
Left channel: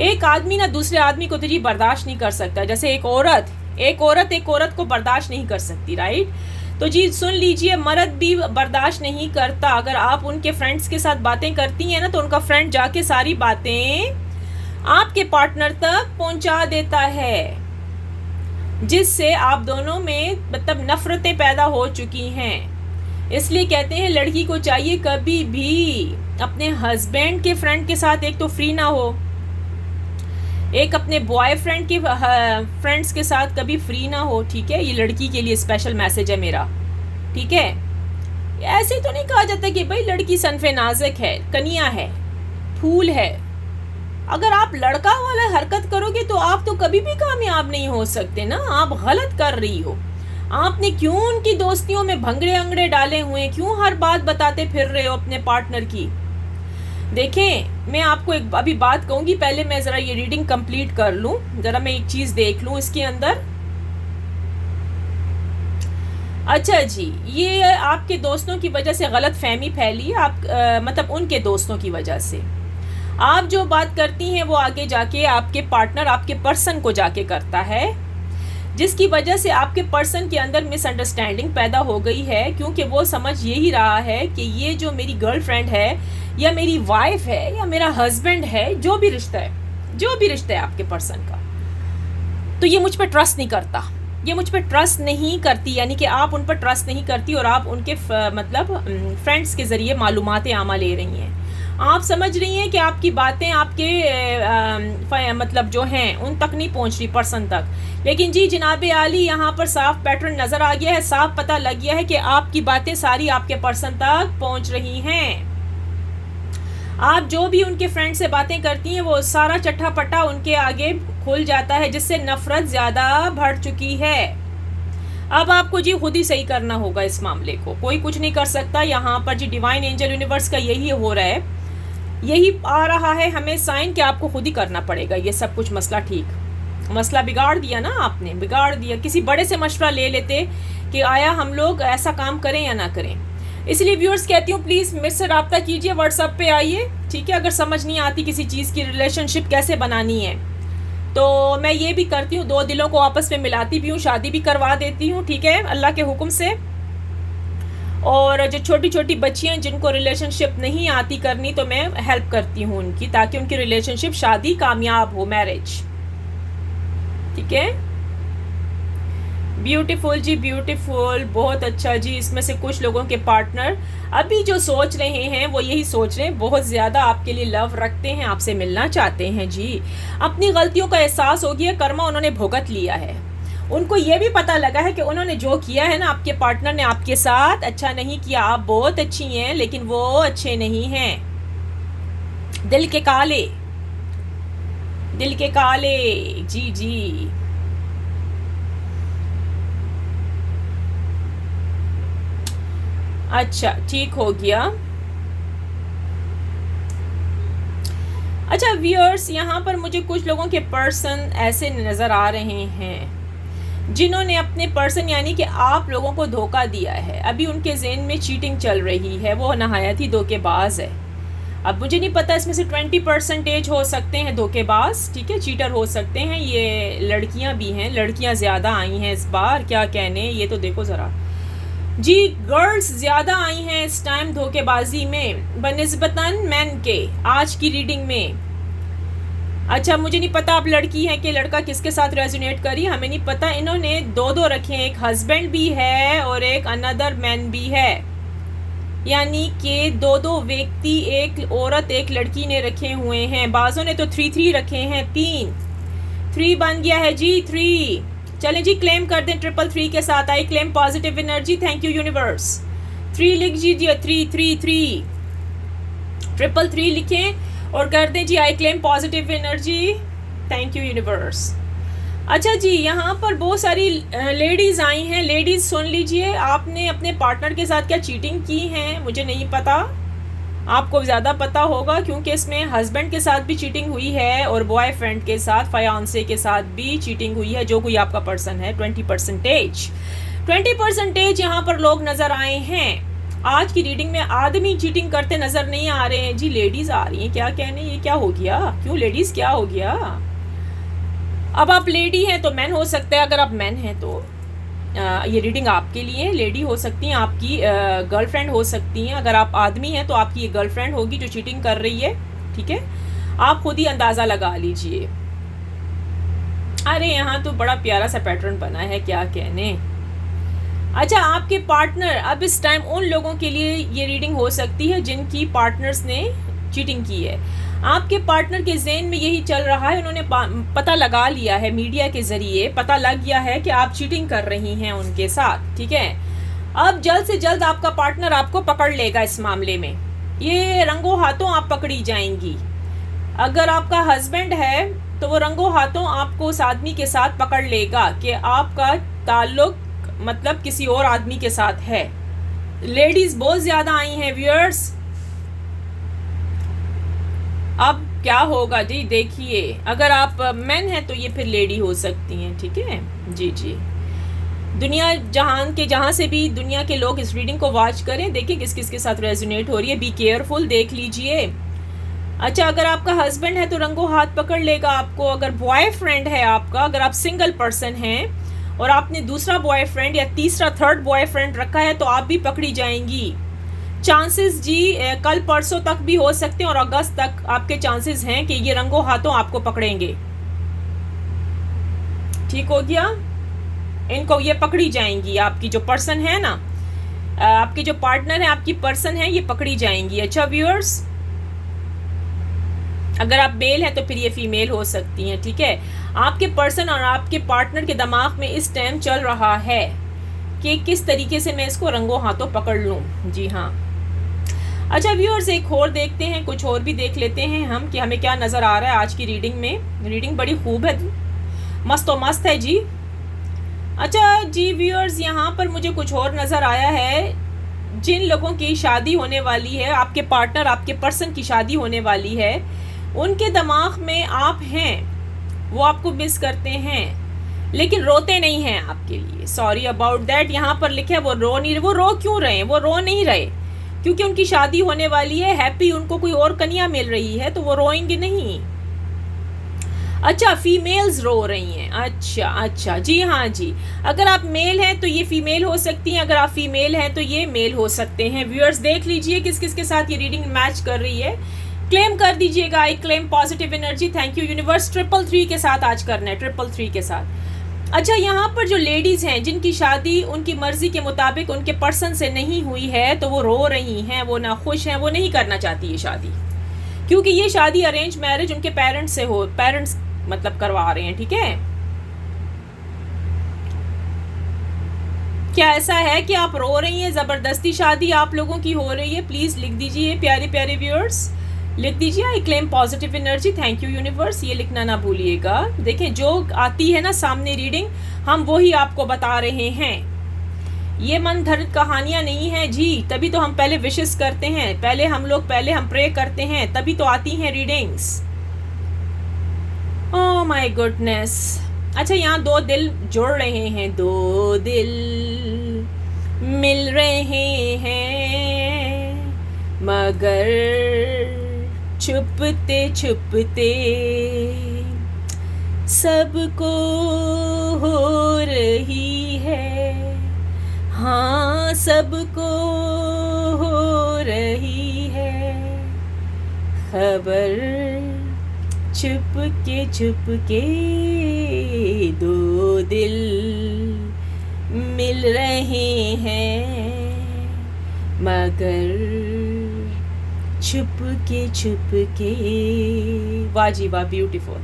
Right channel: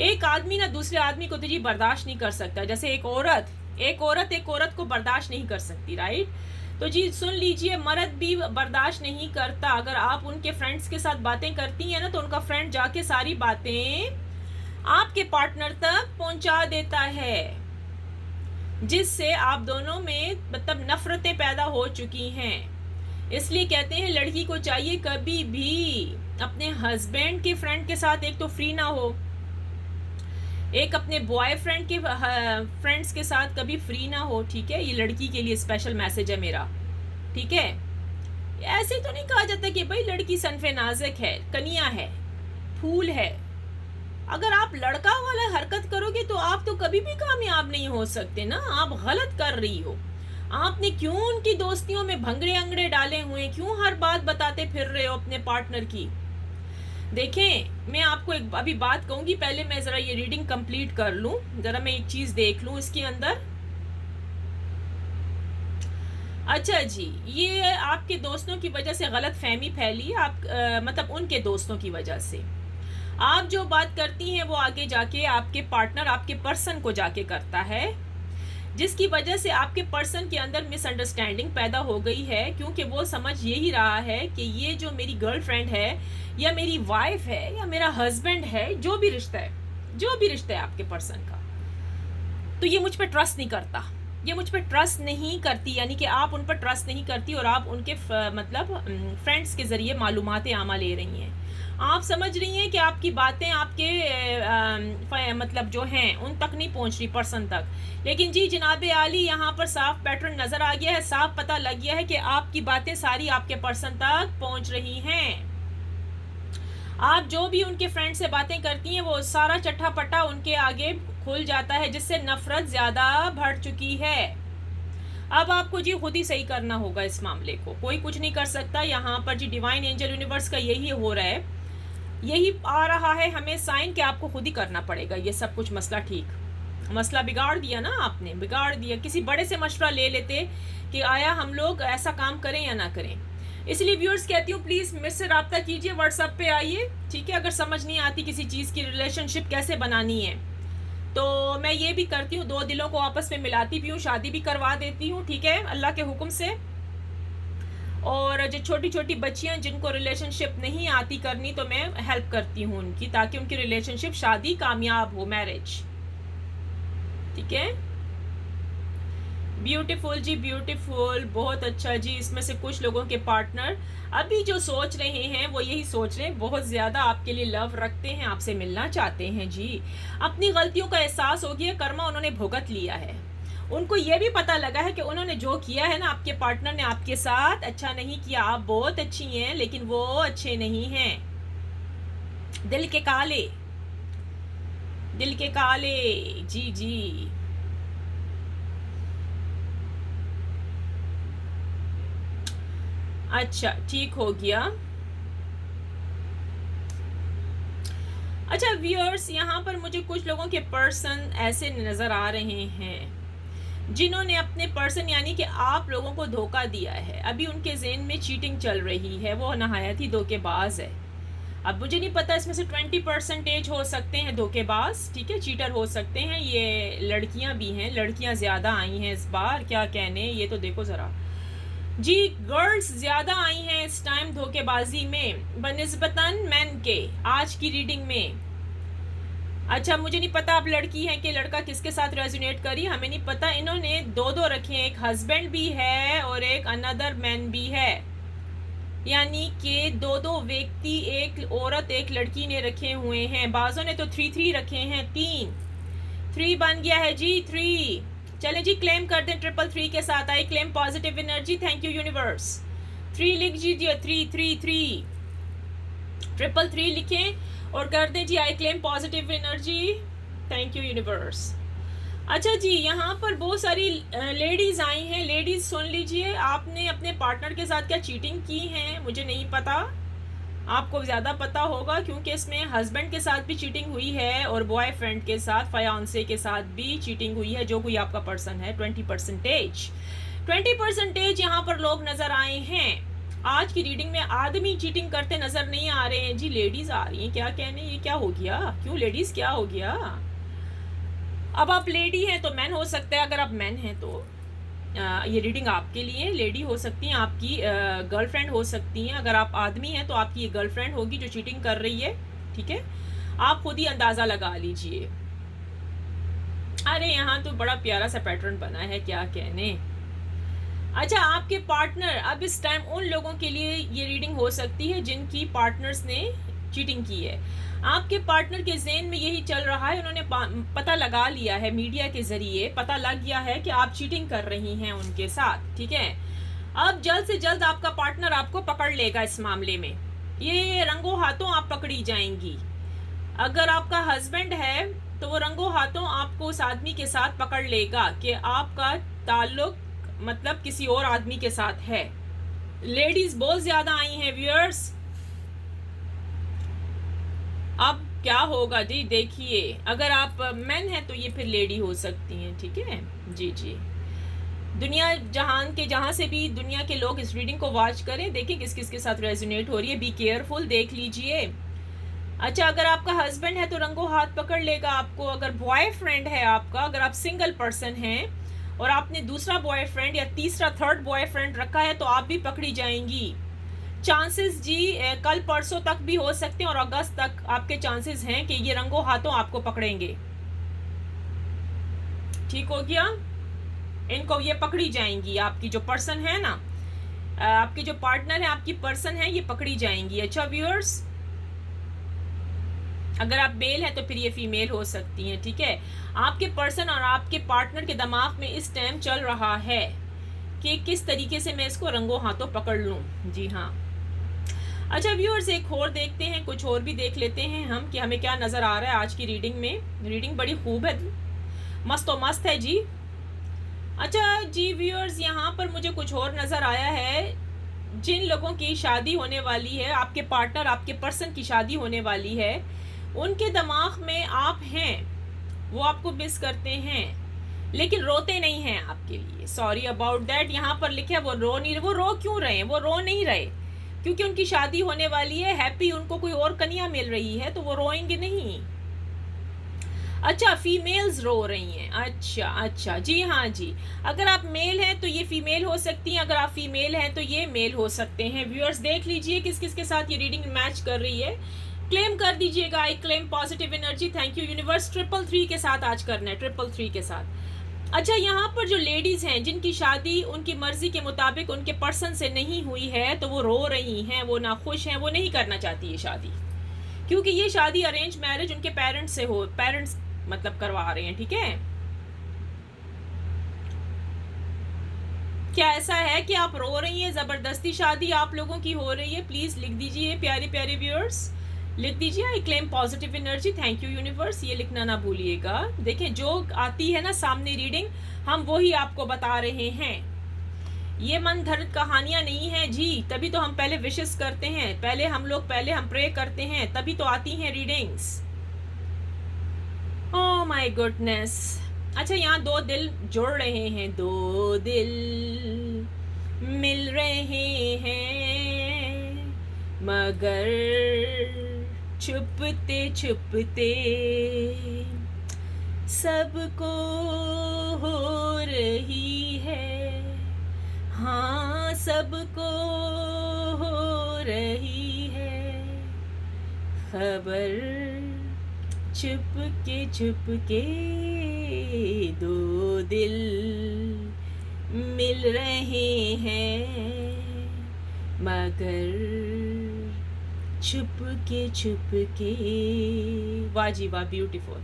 एक आदमी ना दूसरे आदमी को तो जी बर्दाश्त नहीं कर सकता, जैसे एक औरत एक औरत को बर्दाश्त नहीं कर सकती, राइट। तो जी सुन लीजिए, मर्द भी बर्दाश्त नहीं करता। अगर आप उनके फ्रेंड्स के साथ बातें करती हैं ना, तो उनका फ्रेंड जाके सारी बातें आपके पार्टनर तक पहुंचा देता है, जिससे आप दोनों में मतलब नफरतें पैदा हो चुकी हैं। इसलिए कहते हैं लड़की को चाहिए कभी भी अपने हस्बैंड के फ्रेंड के साथ एक तो फ्री ना हो, एक अपने बॉयफ्रेंड के फ्रेंड्स के साथ कभी फ्री ना हो, ठीक है। ये लड़की के लिए स्पेशल मैसेज है मेरा, ठीक है। ऐसे तो नहीं कहा जाता कि भाई लड़की सनफे नाजुक है, कनिया है, फूल है। अगर आप लड़का वाला हरकत करोगे तो आप तो कभी भी कामयाब नहीं हो सकते ना, आप गलत कर रही हो। आपने क्यों उनकी दोस्तियों में भंगड़े अंगड़े डाले हुए, क्यों हर बात बताते फिर रहे हो अपने पार्टनर की। देखें, मैं आपको एक अभी बात कहूंगी, पहले मैं ज़रा ये रीडिंग कंप्लीट कर लूं, ज़रा मैं एक चीज़ देख लूं इसके अंदर। अच्छा जी, ये आपके दोस्तों की वजह से गलत फहमी फैली, आप मतलब उनके दोस्तों की वजह से आप जो बात करती हैं वो आगे जाके आपके पार्टनर, आपके पर्सन को जाके करता है, जिसकी वजह से आपके पर्सन के अंदर मिसअंडरस्टैंडिंग पैदा हो गई है, क्योंकि वो समझ यही रहा है कि ये जो मेरी गर्लफ्रेंड है या मेरी वाइफ है या मेरा हस्बैंड है, जो भी रिश्ता है आपके पर्सन का, तो ये मुझ पर ट्रस्ट नहीं करता, ये मुझ पर ट्रस्ट नहीं करती, यानी कि आप उन पर ट्रस्ट नहीं करती और आप उनके मतलब फ्रेंड्स के ज़रिए मालूमात आमा ले रही हैं। आप समझ रही हैं कि आपकी बातें आपके मतलब जो हैं उन तक नहीं पहुंच रही, पर्सन तक। लेकिन जी जनाब आली, यहाँ पर साफ पैटर्न नज़र आ गया है, साफ पता लग गया है कि आपकी बातें सारी आपके पर्सन तक पहुंच रही हैं। आप जो भी उनके फ्रेंड से बातें करती हैं वो सारा चट्टा पट्टा उनके आगे खुल जाता है, जिससे नफरत ज़्यादा बढ़ चुकी है। अब आपको जी खुद ही सही करना होगा इस मामले को, कोई कुछ नहीं कर सकता। यहाँ पर जी डिवाइन एंजल यूनिवर्स का यही हो रहा है, यही आ रहा है हमें साइन कि आपको खुद ही करना पड़ेगा ये सब कुछ। मसला बिगाड़ दिया ना आपने, बिगाड़ दिया। किसी बड़े से मशवरा ले लेते कि आया हम लोग ऐसा काम करें या ना करें। इसलिए व्यूअर्स कहती हूँ प्लीज़ मेरे से रब्ता कीजिए, व्हाट्सएप पे आइए, ठीक है। अगर समझ नहीं आती किसी चीज़ की रिलेशनशिप कैसे बनानी है, तो मैं ये भी करती हूँ, दो दिलों को आपस में मिलाती भी हूँ, शादी भी करवा देती हूँ, ठीक है, अल्लाह के हुक्म से। और जो छोटी छोटी बच्चियाँ जिनको रिलेशनशिप नहीं आती करनी, तो मैं हेल्प करती हूँ उनकी, ताकि उनकी रिलेशनशिप शादी कामयाब हो, मैरिज, ठीक है। ब्यूटीफुल जी, ब्यूटीफुल, बहुत अच्छा जी। इसमें से कुछ लोगों के पार्टनर अभी जो सोच रहे हैं वो यही सोच रहे हैं, बहुत ज़्यादा आपके लिए लव रखते हैं, आपसे मिलना चाहते हैं जी। अपनी गलतियों का एहसास हो गया, कर्मा उन्होंने भुगत लिया है। उनको ये भी पता लगा है कि उन्होंने जो किया है ना, आपके पार्टनर ने आपके साथ अच्छा नहीं किया। आप बहुत अच्छी हैं लेकिन वो अच्छे नहीं हैं। दिल के काले जी जी। अच्छा, ठीक हो गया। अच्छा व्यूअर्स, यहाँ पर मुझे कुछ लोगों के पर्सन ऐसे नज़र आ रहे हैं जिन्होंने अपने पर्सन यानी कि आप लोगों को धोखा दिया है। अभी उनके ज़हन में चीटिंग चल रही है, वो नहायत ही धोखेबाज है। अब मुझे नहीं पता, इसमें से 20% हो सकते हैं धोखेबाज, ठीक है, चीटर हो सकते हैं। ये लड़कियां भी हैं, लड़कियां ज़्यादा आई हैं इस बार, क्या कहने, ये तो देखो ज़रा जी, गर्ल्स ज़्यादा आई हैं इस टाइम धोखेबाजी में बनिस्बतन मैन के, आज की रीडिंग में। अच्छा, मुझे नहीं पता आप लड़की हैं कि लड़का किसके साथ रेजोनेट करी, हमें नहीं पता। इन्होंने दो रखे हैं, एक हस्बैंड भी है और एक अनदर मैन भी है, यानी कि दो व्यक्ति, एक औरत एक लड़की ने रखे हुए हैं। बाजों ने तो 3 रखे हैं, 3 बन गया है जी, 3। चलें जी, क्लेम कर दें 333 के साथ। I claim positive energy, thank you universe. 3 लिख दीजिए, 3 333 लिखें और कर दें जी, I claim positive energy, thank you universe. अच्छा जी, यहाँ पर बहुत सारी लेडीज़ आई हैं। लेडीज़ सुन लीजिए, आपने अपने पार्टनर के साथ क्या चीटिंग की है, मुझे नहीं पता, आपको ज़्यादा पता होगा, क्योंकि इसमें हस्बैंड के साथ भी चीटिंग हुई है और बॉयफ्रेंड के साथ, फयांसे के साथ भी चीटिंग हुई है, जो कोई आपका पर्सन है। 20% यहाँ पर लोग नज़र आए हैं। आज की रीडिंग में आदमी चीटिंग करते नज़र नहीं आ रहे हैं जी, लेडीज़ आ रही हैं। क्या कहने, ये क्या हो गया, क्यों लेडीज़, क्या हो गया? अब आप लेडी हैं तो मैन हो सकता है, अगर आप मैन हैं तो ये रीडिंग आपके लिए। लेडी हो सकती हैं, आपकी गर्लफ्रेंड हो सकती हैं। अगर आप आदमी हैं तो आपकी ये गर्लफ्रेंड होगी जो चीटिंग कर रही है, ठीक है, आप खुद ही अंदाज़ा लगा लीजिए। अरे यहाँ तो बड़ा प्यारा सा पैटर्न बना है, क्या कहने। अच्छा, आपके पार्टनर, अब इस टाइम उन लोगों के लिए ये रीडिंग हो सकती है जिनकी पार्टनर्स ने चीटिंग की है। आपके पार्टनर के ज़हन में यही चल रहा है, उन्होंने पता लगा लिया है, मीडिया के ज़रिए पता लग गया है कि आप चीटिंग कर रही हैं उनके साथ, ठीक है। अब जल्द से जल्द आपका पार्टनर आपको पकड़ लेगा इस मामले में, ये रंगों हाथों आप पकड़ी जाएंगी। अगर आपका हस्बैंड है तो वो रंगों हाथों आपको उस आदमी के साथ पकड़ लेगा कि आपका ताल्लुक मतलब किसी और आदमी के साथ है। लेडीज़ बहुत ज़्यादा आई हैं व्यूअर्स। अब क्या होगा जी, देखिए, अगर आप मैन हैं तो ये फिर लेडी हो सकती हैं, ठीक है जी जी। दुनिया जहान के जहाँ से भी दुनिया के लोग इस रीडिंग को वॉच करें, देखिए किस किस के साथ रेजोनेट हो रही है, बी केयरफुल, देख लीजिए। अच्छा, अगर आपका हस्बैंड है तो रंगों हाथ पकड़ लेगा आपको। अगर बॉयफ्रेंड है आपका, अगर आप सिंगल पर्सन हैं और आपने दूसरा बॉयफ्रेंड या तीसरा थर्ड बॉयफ्रेंड रखा है तो आप भी पकड़ी जाएंगी। चांसेस जी कल परसों तक भी हो सकते हैं और अगस्त तक आपके चांसेस हैं कि ये रंगों हाथों आपको पकड़ेंगे, ठीक हो गया। इनको ये पकड़ी जाएंगी, आपकी जो पर्सन है ना, आपके जो पार्टनर है, आपकी पर्सन है, ये पकड़ी जाएंगी। अच्छा व्यूअर्स, अगर आप मेल हैं तो फिर ये फीमेल हो सकती हैं, ठीक है। आपके पर्सन और आपके पार्टनर के दिमाग में इस टाइम चल रहा है कि किस तरीके से मैं इसको रंगों हाथों पकड़ लूँ, जी हाँ। अच्छा व्यूअर्स, एक और देखते हैं, कुछ और भी देख लेते हैं हम कि हमें क्या नज़र आ रहा है आज की रीडिंग में। रीडिंग बड़ी खूब है, मस्त तो मस्त है जी। अच्छा जी व्यूअर्स, यहाँ पर मुझे कुछ और नज़र आया है। जिन लोगों की शादी होने वाली है, आपके पार्टनर, आपके पर्सन की शादी होने वाली है, उनके दिमाग में आप हैं, वो आपको मिस करते हैं लेकिन रोते नहीं हैं आपके लिए। सॉरी अबाउट दैट, यहाँ पर लिखे वो रो नहीं रहे। वो रो क्यों रहे हैं? वो रो नहीं रहे क्योंकि उनकी शादी होने वाली है, हैप्पी, उनको कोई और कन्या मिल रही है, तो वो रोएंगे नहीं। अच्छा, फीमेल्स रो रही हैं, अच्छा अच्छा, जी हाँ जी। अगर आप मेल हैं तो ये फीमेल हो सकती हैं, अगर आप फीमेल हैं तो ये मेल हो सकते हैं। व्यूअर्स देख लीजिए किस किस के साथ ये रीडिंग मैच कर रही है, क्लेम कर दीजिएगा। आई claim positive energy, thank you universe. 333 के साथ आज करना है, 333 के साथ। अच्छा, यहाँ पर जो लेडीज़ हैं जिनकी शादी उनकी मर्जी के मुताबिक उनके पर्सन से नहीं हुई है, तो वो रो रही हैं, वो नाखुश हैं, वो नहीं करना चाहती ये शादी, क्योंकि ये शादी अरेंज मैरिज उनके पेरेंट्स से हो, पेरेंट्स मतलब करवा रहे हैं, ठीक है। क्या ऐसा है कि आप रो रही हैं, ज़बरदस्ती शादी आप लोगों की हो रही है? प्लीज़ लिख दीजिए प्यारे प्यारे व्यूअर्स, लिख दीजिए आई claim positive energy, thank you universe, ये लिखना ना भूलिएगा। देखें, जो आती है ना सामने रीडिंग, हम वही आपको बता रहे हैं। ये मन धर्म कहानियाँ नहीं हैं जी, तभी तो हम पहले विशेस करते हैं, पहले हम प्रे करते हैं, तभी तो आती हैं रीडिंग्स। Oh my goodness. अच्छा, यहाँ 2 दिल जुड़ रहे हैं, 2 दिल मिल रहे हैं, मगर छुपते छुपते सबको हो रही है, हाँ सबको हो रही है खबर। छुपके छुपके दो दिल मिल रहे हैं, मगर छुपके छुपके। वाह जी वाह, ब्यूटीफुल।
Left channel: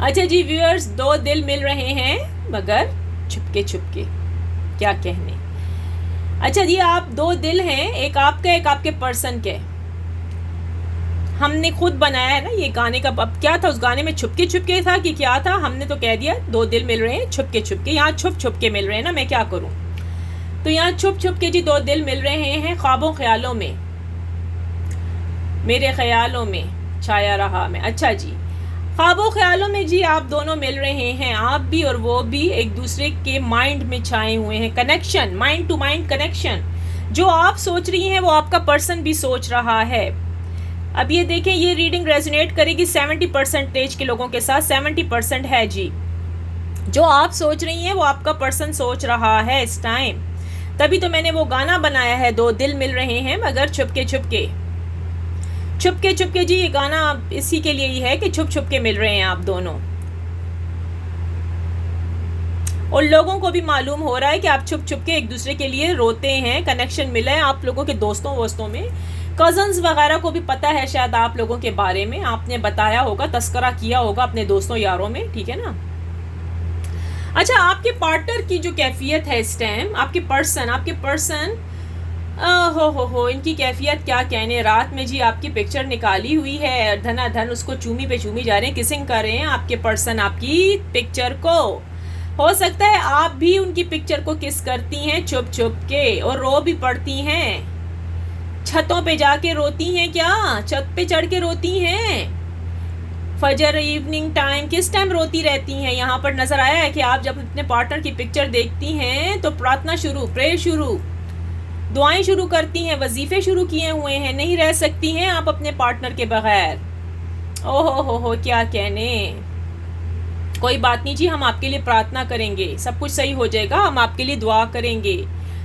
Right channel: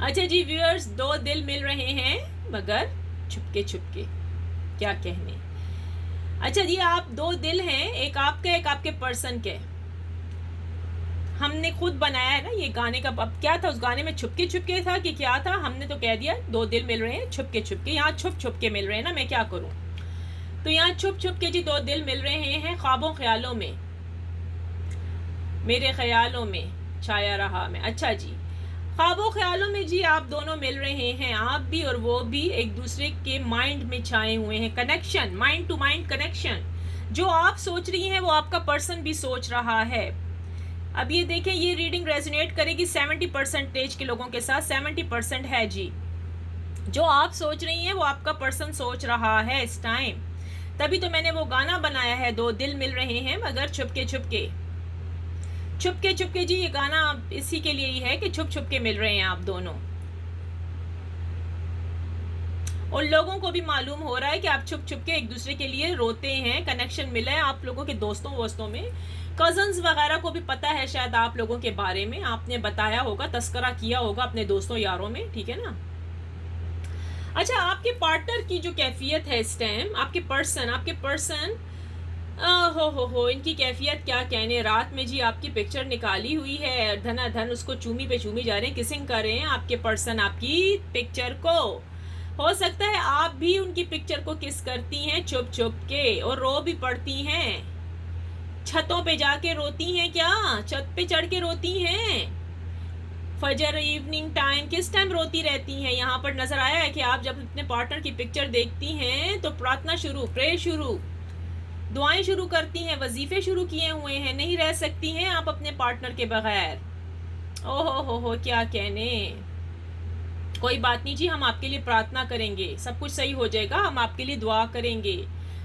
अच्छा जी व्यूअर्स, दो दिल मिल रहे हैं मगर छुपके छुपके, क्या कहने। अच्छा जी, आप दो दिल हैं, एक आपका एक आपके पर्सन के। हमने खुद बनाया है ना ये गाने का। अब क्या था उस गाने में, छुपके छुपके था कि क्या था? हमने तो कह दिया दो दिल मिल रहे हैं छुपके छुपके। यहाँ छुप छुप के मिल रहे हैं ना, मैं क्या करूँ। तो यहाँ छुप छुप के जी दो दिल मिल रहे हैं, ख्वाबों ख्यालों में, मेरे ख्यालों में छाया रहा मैं। अच्छा जी, ख्वाबों ख्यालों में जी आप दोनों मिल रहे हैं, आप भी और वो भी एक दूसरे के माइंड में छाए हुए हैं। Connection, mind to mind connection. जो आप सोच रही हैं वो आपका पर्सन भी सोच रहा है। अब ये देखें, ये रीडिंग रेजोनेट करेगी 70% के लोगों के साथ। 70% है जी। जो आप सोच रही हैं वो आपका पर्सन सोच रहा है इस टाइम। तभी तो मैंने वो गाना बनाया है, दो दिल मिल रहे हैं मगर छुपके छुपके। छुपके छुपके जी, ये गाना इसी के लिए ही है कि छुप छुप के मिल रहे हैं आप दोनों। और लोगों को भी मालूम हो रहा है कि आप छुप छुप के एक दूसरे के लिए रोते हैं। कनेक्शन मिला है आप लोगों के दोस्तों वोस्तों में, कजन्स वगैरह को भी पता है शायद आप लोगों के बारे में, आपने बताया होगा, तस्करा किया होगा अपने दोस्तों यारों में, ठीक है ना। अच्छा, आपके पार्टनर की जो कैफियत है इस टाइम, आपके पर्सन हो इनकी कैफियत क्या कहने। रात में जी आपकी पिक्चर निकाली हुई है, धनाधन उसको चूमी पे चूमी जा रहे हैं, किसिंग कर रहे हैं आपके पर्सन आपकी पिक्चर को। हो सकता है आप भी उनकी पिक्चर को किस करती हैं छुप छुप के, और रो भी पड़ती हैं। छतों पे जाके रोती हैं क्या? छत पे चढ़ के रोती हैं? फजर, इवनिंग टाइम, किस टाइम रोती रहती हैं? यहाँ पर नजर आया है कि आप जब अपने पार्टनर की पिक्चर देखती हैं तो प्रार्थना शुरू, प्रेयर शुरू, दुआएं शुरू करती हैं, वजीफे शुरू किए हुए हैं। नहीं रह सकती हैं आप अपने पार्टनर के बगैर। ओहो हो, क्या कहने। कोई बात नहीं जी, हम आपके लिए प्रार्थना करेंगे, सब कुछ सही हो जाएगा। हम आपके लिए दुआ करेंगे,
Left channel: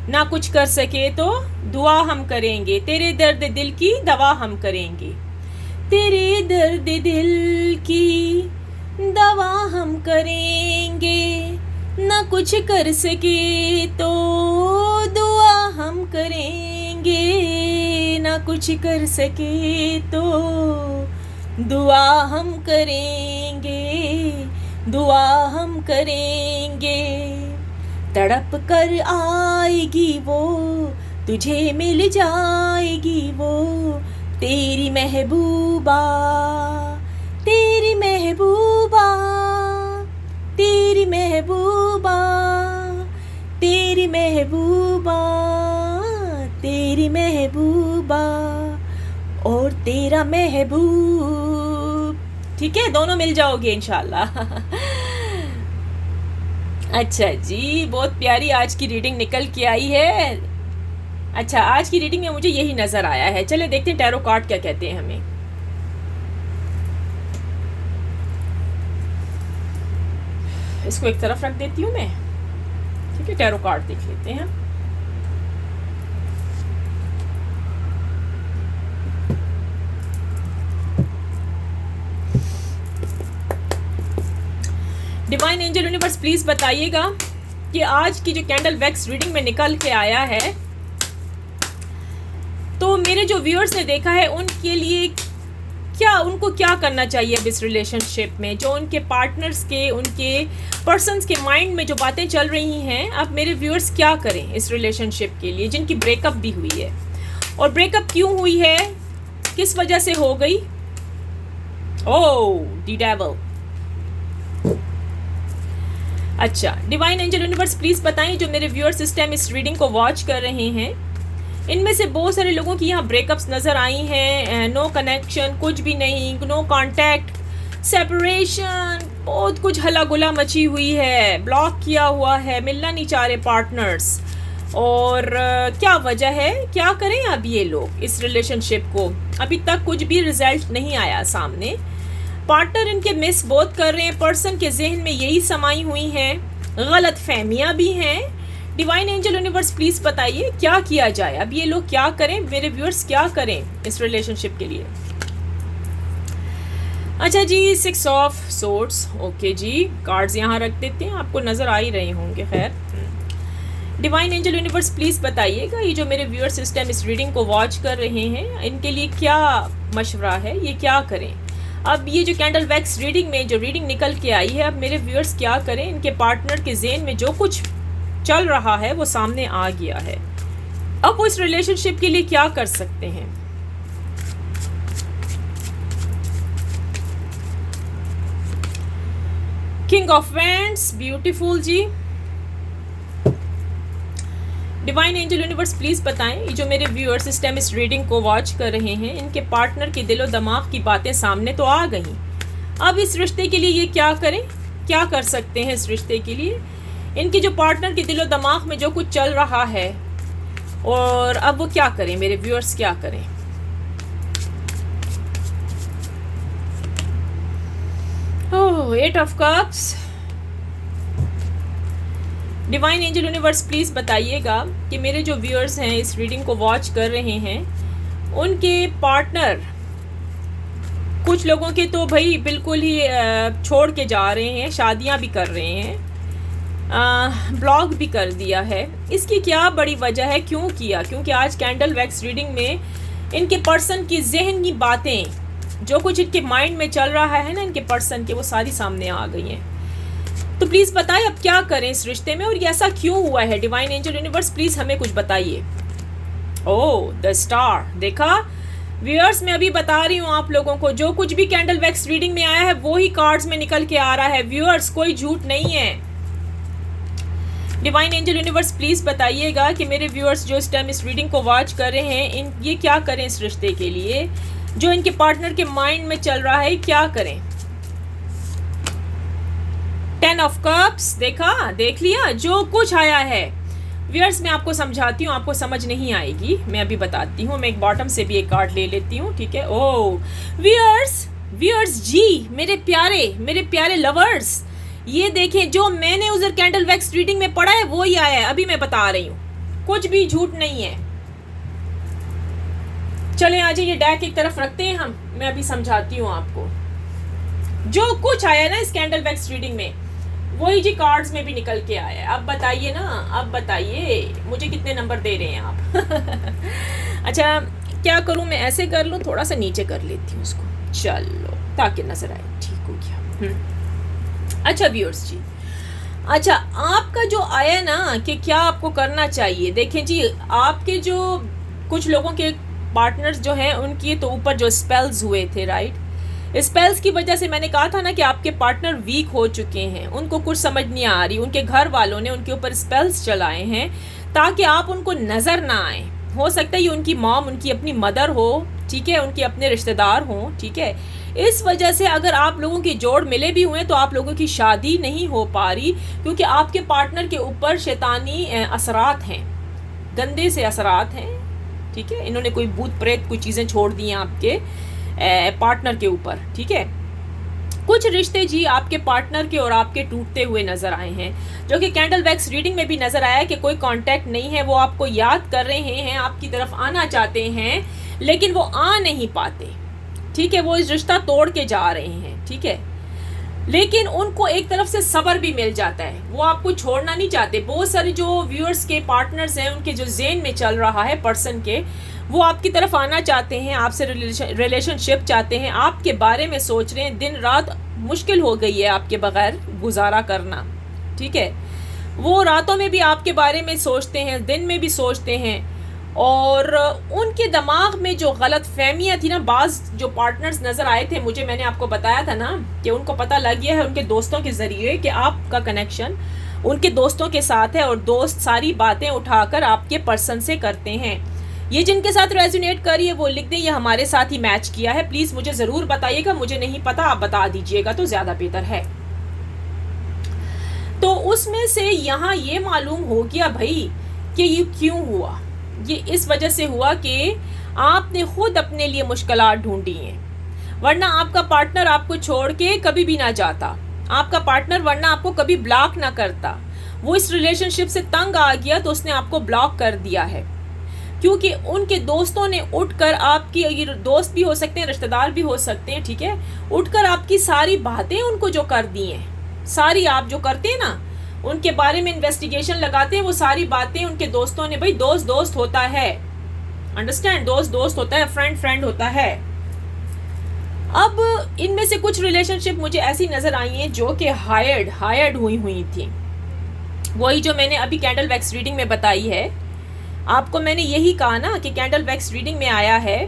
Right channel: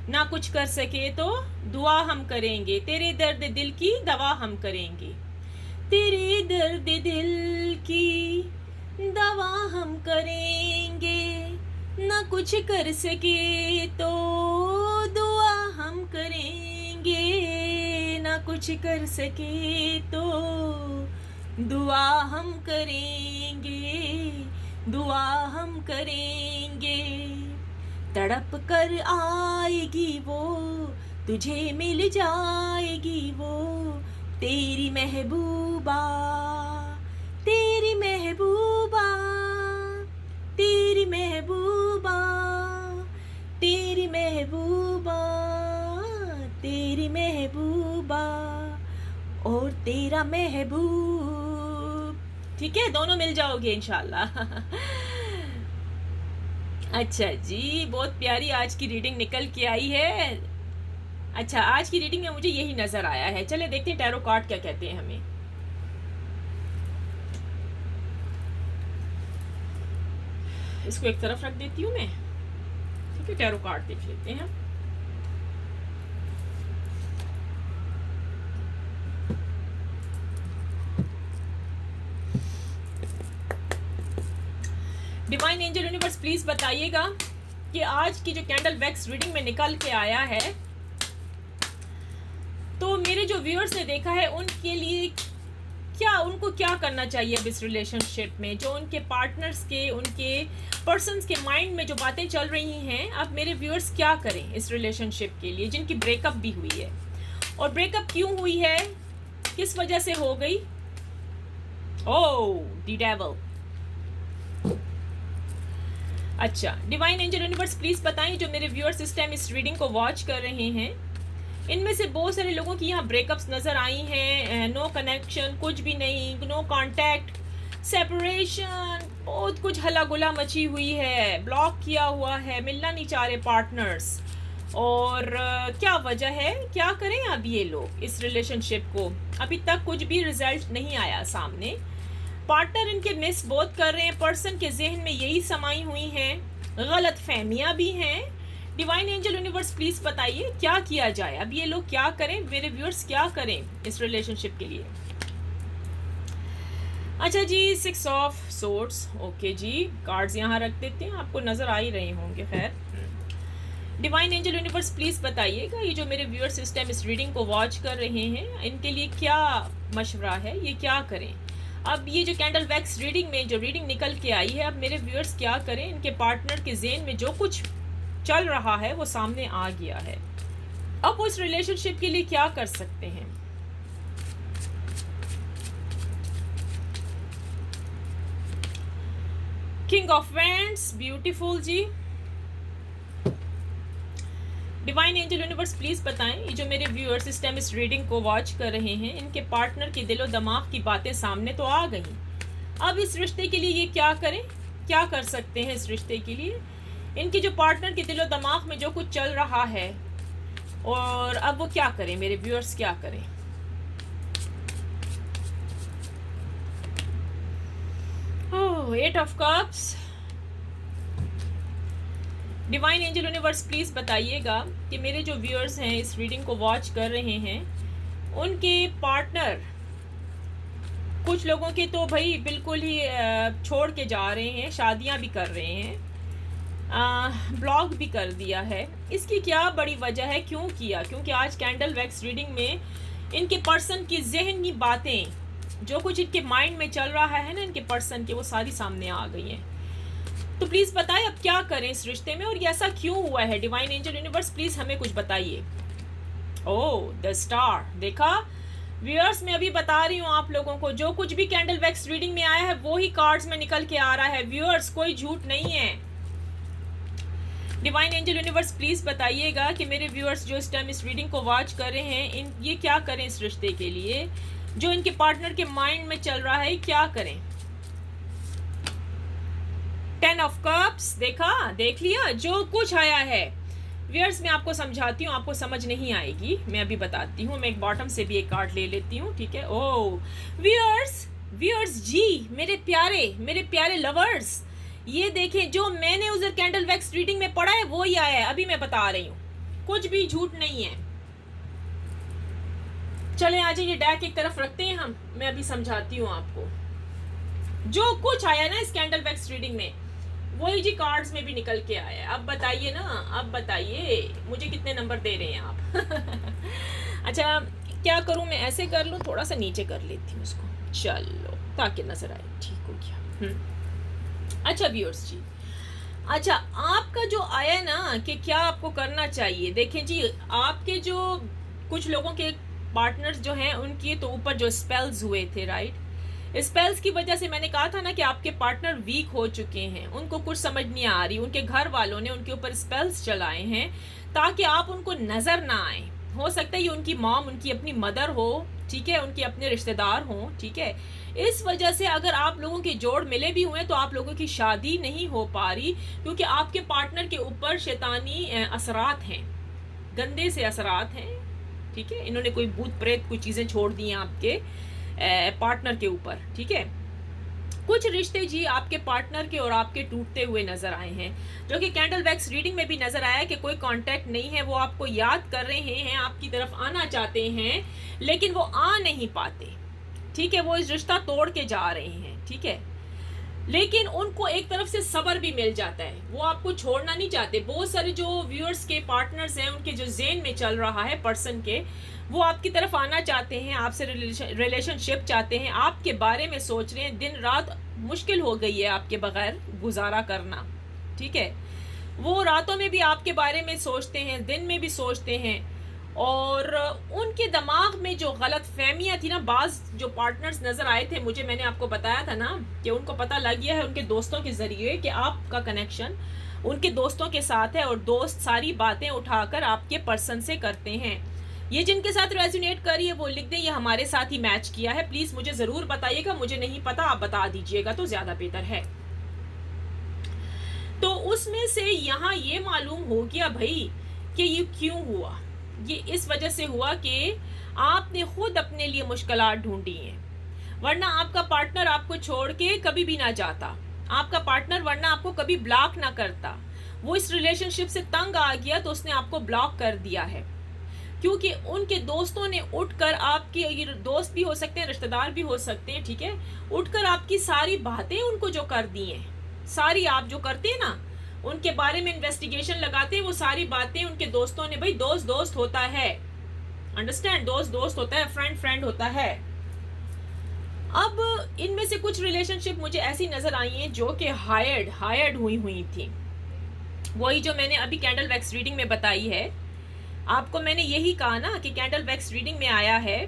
ना कुछ कर सके तो दुआ हम करेंगे। तेरे दर्द दिल की दवा हम करेंगे, तेरे दर्द दिल की दवा हम करेंगे। ना कुछ कर सके तो दुआ हम करेंगे, ना कुछ कर सके तो दुआ हम करेंगे, दुआ हम करेंगे। तड़प कर आएगी वो, तुझे मिल जाएगी वो, तेरी महबूबा, तेरी महबूबा, तेरी महबूबा, तेरी महबूबा, तेरी महबूबा और तेरा महबूब। ठीक है, दोनों मिल जाओगे इंशाल्लाह। अच्छा जी, बहुत प्यारी आज की रीडिंग निकल के आई है। अच्छा, आज की रीडिंग में मुझे यही नजर आया है। चले देखते हैं टैरो कार्ड क्या कहते हैं हमें। इसको एक तरफ रख देती हूँ मैं, ठीक है। टैरो कार्ड देख लेते हैं। डिवाइन एंजल यूनिवर्स प्लीज बताइएगा कि आज की जो कैंडल वैक्स रीडिंग में निकल के आया है, तो मेरे जो व्यूअर्स ने देखा है उनके लिए क्या, उनको क्या करना चाहिए अब इस रिलेशनशिप में। जो उनके पार्टनर्स के, उनके पर्सन्स के माइंड में जो बातें चल रही हैं, अब मेरे व्यूअर्स क्या करें इस रिलेशनशिप के लिए, जिनकी ब्रेकअप भी हुई है। और ब्रेकअप क्यों हुई है, किस वजह से हो गई। ओह, द डेविल। अच्छा, डिवाइन एंजल यूनिवर्स प्लीज बताएं, जो मेरे व्यूअर्स इस टाइम इस रीडिंग को वॉच कर रहे हैं, इनमें से बहुत सारे लोगों की यहाँ ब्रेकअप्स नज़र आई हैं। नो कनेक्शन, कुछ भी नहीं, नो कांटेक्ट, सेपरेशन, बहुत कुछ हला गुला मची हुई है, ब्लॉक किया हुआ है, मिलना नहीं चाह रहे पार्टनर्स। और क्या वजह है, क्या करें अब ये लोग इस रिलेशनशिप को? अभी तक कुछ भी रिजल्ट नहीं आया सामने। पार्टनर इनके मिस बहुत कर रहे हैं, पर्सन के जहन में यही समाई हुई हैं, गलत फहमियाँ भी हैं। डिवाइन एंजल यूनिवर्स प्लीज़ बताइए क्या किया जाए, अब ये लोग क्या करें, मेरे व्यूअर्स क्या करें इस रिलेशनशिप के लिए? अच्छा जी, 6 ऑफ सोर्ड्स, ओके जी, कार्ड्स यहाँ रख देते हैं, आपको नज़र आ ही रहे होंगे। खैर, डिवाइन एंजल यूनिवर्स प्लीज़ बताइएगा ये जो मेरे व्यूअर्स इस टाइम इस रीडिंग को वॉच कर रहे हैं, इनके लिए क्या मशवरा है, ये क्या करें? अब ये जो कैंडल वैक्स रीडिंग में जो रीडिंग निकल के आई है, अब मेरे व्यूअर्स क्या करें? इनके पार्टनर के ज़हन में जो कुछ चल रहा है वो सामने आ गया है, अब वो इस रिलेशनशिप के लिए क्या कर सकते हैं? किंग ऑफ वैंड्स, ब्यूटीफुल जी। डिवाइन एंजल यूनिवर्स प्लीज बताएं ये जो मेरे व्यूअर्स इस टाइम इस रीडिंग को वॉच कर रहे हैं, इनके पार्टनर के दिलो दिमाग की बातें सामने तो आ गई, अब इस रिश्ते के लिए ये क्या करें, क्या कर सकते हैं इस रिश्ते के लिए? इनकी जो पार्टनर के दिलो दिमाग में जो कुछ चल रहा है, और अब वो क्या करें, मेरे व्यूअर्स क्या करें? ओह, 8 of cups. Divine angel universe please बताइएगा कि मेरे जो व्यूअर्स हैं इस रीडिंग को वॉच कर रहे हैं, उनके पार्टनर, कुछ लोगों के तो भाई बिल्कुल ही छोड़ के जा रहे हैं, शादियां भी कर रहे हैं, ब्लॉक भी कर दिया है। इसकी क्या बड़ी वजह है, क्यों किया? क्योंकि आज कैंडल वैक्स रीडिंग में इनके पर्सन की जहन की बातें, जो कुछ इनके माइंड में चल रहा है ना इनके पर्सन के, वो सारी सामने आ गई हैं। तो प्लीज़ बताएं अब क्या करें इस रिश्ते में, और ये ऐसा क्यों हुआ है? डिवाइन एंजल यूनिवर्स प्लीज़ हमें कुछ बताइए। ओह, द स्टार, देखा व्यूअर्स, मैं अभी बता रही हूँ आप लोगों को, जो कुछ भी कैंडल वैक्स रीडिंग में आया है वो ही कार्ड्स में निकल के आ रहा है व्यूअर्स, कोई झूठ नहीं है। डिवाइन एंजल यूनिवर्स प्लीज़ बताइएगा कि मेरे व्यूअर्स जो इस टाइम इस रीडिंग को वॉच कर रहे हैं, ये क्या करें इस रिश्ते के लिए, जो इनके पार्टनर के माइंड में चल रहा है, क्या करें? 10 ऑफ कप्स, देखा, देख लिया, जो कुछ आया है व्यूअर्स, मैं आपको समझाती हूँ, आपको समझ नहीं आएगी, मैं अभी बताती हूँ। मैं एक बॉटम से भी एक कार्ड ले लेती हूँ, ठीक है? ओह व्यूअर्स जी, मेरे प्यारे लवर्स, ये देखें, जो मैंने उधर कैंडल वैक्स रीडिंग में पढ़ा है वो ही आया है, अभी मैं बता रही हूँ, कुछ भी झूठ नहीं है। चले आ जाइए, डेक एक तरफ रखते हैं हम, मैं अभी समझाती हूँ आपको। जो कुछ आया ना इस कैंडल वैक्स रीडिंग में, वही जी कार्ड्स में भी निकल के आया है। अब बताइए ना, अब बताइए मुझे कितने नंबर दे रहे हैं आप? अच्छा, क्या करूं मैं, ऐसे कर लूं, थोड़ा सा नीचे कर लेती हूँ उसको, चलो, ताकि नजर आए, ठीक हो गया। अच्छा व्यूअर्स जी, अच्छा आपका जो आया ना कि क्या आपको करना चाहिए, देखें जी, आपके जो कुछ लोगों के पार्टनर्स जो हैं उनके तो ऊपर जो स्पेल्स हुए थे, राइट, स्पेल्स की वजह से मैंने कहा था ना कि आपके पार्टनर वीक हो चुके हैं, उनको कुछ समझ नहीं आ रही, उनके घर वालों ने उनके ऊपर स्पेल्स चलाए हैं ताकि आप उनको नज़र ना आए। हो सकता है ये उनकी मॉम, उनकी अपनी मदर हो, ठीक है, उनके अपने रिश्तेदार हों, ठीक है। इस वजह से अगर आप लोगों के जोड़ मिले भी हुए तो आप लोगों की शादी नहीं हो पा रही, क्योंकि आपके पार्टनर के ऊपर शैतानी असरात हैं, गंदे से असरात हैं, ठीक है। इन्होंने कोई भूत प्रेत कोई चीज़ें छोड़ दी हैं आपके पार्टनर के ऊपर, ठीक है। कुछ रिश्ते जी आपके पार्टनर के और आपके टूटते हुए नजर आए हैं, जो कि कैंडल वैक्स रीडिंग में भी नजर आया कि कोई कांटेक्ट नहीं है, वो आपको याद कर रहे हैं, आपकी तरफ आना चाहते हैं, लेकिन वो आ नहीं पाते, ठीक है। वो इस रिश्ता तोड़ के जा रहे हैं, ठीक है, लेकिन उनको एक तरफ से सब्र भी मिल जाता है, वो आपको छोड़ना नहीं चाहते। बहुत सारे जो व्यूअर्स के पार्टनर्स हैं, उनके जो ज़हन में चल रहा है पर्सन के, वो आपकी तरफ आना चाहते हैं, आपसे रिलेशनशिप चाहते हैं, आपके बारे में सोच रहे हैं, दिन रात मुश्किल हो गई है आपके बगैर गुजारा करना, ठीक है। वो रातों में भी आपके बारे में सोचते हैं, दिन में भी सोचते हैं, और उनके दिमाग में जो गलत फहमियाँ थी ना, बाज़ जो पार्टनर्स नज़र आए थे मुझे, मैंने आपको बताया था ना कि उनको पता लग गया है उनके दोस्तों के ज़रिए कि आपका कनेक्शन उनके दोस्तों के साथ है, और दोस्त सारी बातें उठाकर आपके पर्सन से करते हैं। ये जिनके साथ रेजोनेट करिए वो लिख दें, ये हमारे साथ ही मैच किया है, प्लीज़ मुझे ज़रूर बताइएगा, मुझे नहीं पता आप बता दीजिएगा तो ज़्यादा बेहतर है। तो उसमें से यहाँ ये मालूम हो गया भाई कि ये क्यों हुआ। ये इस वजह से हुआ कि आपने खुद अपने लिए मुश्किलात ढूंढी हैं, वरना आपका पार्टनर आपको छोड़ के कभी भी ना जाता, आपका पार्टनर वरना आपको कभी ब्लॉक ना करता। वो इस रिलेशनशिप से तंग आ गया तो उसने आपको ब्लॉक कर दिया है, क्योंकि उनके दोस्तों ने उठकर आपकी, ये दोस्त भी हो सकते हैं, रिश्तेदार भी हो सकते हैं, ठीक है, उठकर आपकी सारी बातें उनको जो कर दी हैं, सारी आप जो करते हैं ना, उनके बारे में इन्वेस्टिगेशन लगाते हैं, वो सारी बातें उनके दोस्तों ने, भाई दोस्त दोस्त होता है, अंडरस्टैंड, दोस्त दोस्त होता है, फ्रेंड फ्रेंड होता है। अब इनमें से कुछ रिलेशनशिप मुझे ऐसी नजर आई हैं जो कि हायर्ड हुई थी। वही जो मैंने अभी कैंडल वैक्स रीडिंग में बताई है आपको, मैंने यही कहा ना कि कैंडल वैक्स रीडिंग में आया है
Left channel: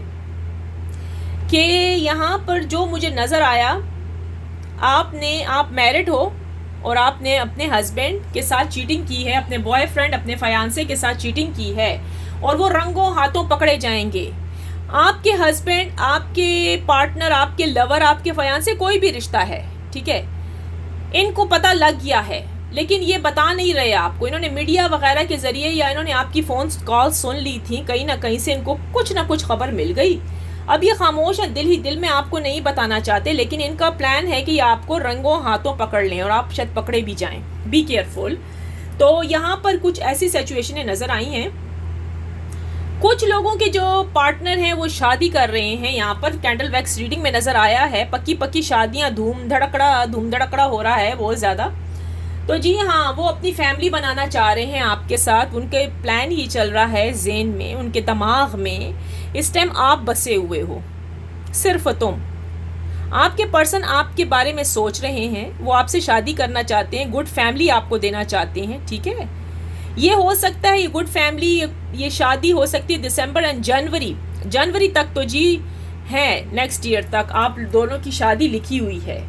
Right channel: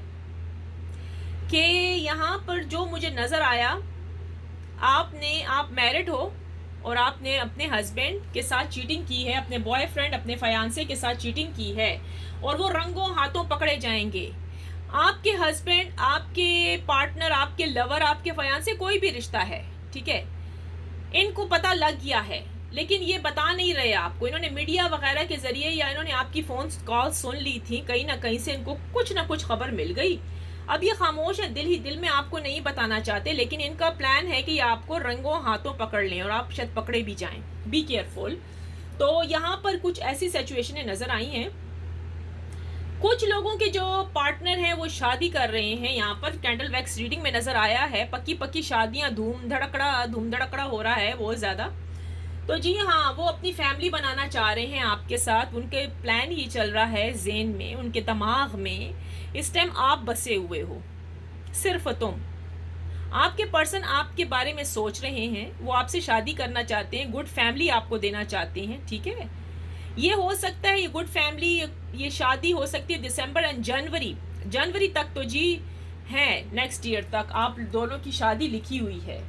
कि यहाँ पर जो मुझे नज़र आया, आप मैरिड हो और आपने अपने हस्बैंड के साथ चीटिंग की है, अपने बॉयफ्रेंड, अपने फयांसे के साथ चीटिंग की है, और वो रंगों हाथों पकड़े जाएंगे। आपके हस्बैंड, आपके पार्टनर, आपके लवर, आपके फयांसे, कोई भी रिश्ता है, ठीक है, इनको पता लग गया है, लेकिन ये बता नहीं रहे आपको। इन्होंने मीडिया वगैरह के ज़रिए या इन्होंने आपकी फ़ोन कॉल सुन ली थी, कहीं ना कहीं से इनको कुछ ना कुछ खबर मिल गई। अब ये खामोश है, दिल ही दिल में आपको नहीं बताना चाहते, लेकिन इनका प्लान है कि आपको रंगों हाथों पकड़ लें और आप शायद पकड़े भी जाएं। Be careful. तो यहाँ पर कुछ ऐसी सिचुएशनें नज़र आई हैं। कुछ लोगों के जो पार्टनर हैं वो शादी कर रहे हैं, यहाँ पर कैंडल वैक्स रीडिंग में नज़र आया है, पक्की शादियाँ, धूम धड़कड़ा हो रहा है बहुत ज़्यादा। तो जी हाँ, वो अपनी फैमिली बनाना चाह रहे हैं आपके साथ, उनके प्लान ही चल रहा है ज़हन में, उनके दिमाग में। इस टाइम आप बसे हुए हो, सिर्फ तुम, आपके पर्सन आपके बारे में सोच रहे हैं, वो आपसे शादी करना चाहते हैं, गुड फैमिली आपको देना चाहते हैं, ठीक है। ये हो सकता है, ये गुड फैमिली, ये शादी हो सकती है दिसंबर एंड जनवरी तक तो जी है, नेक्स्ट ईयर तक आप दोनों की शादी लिखी हुई है।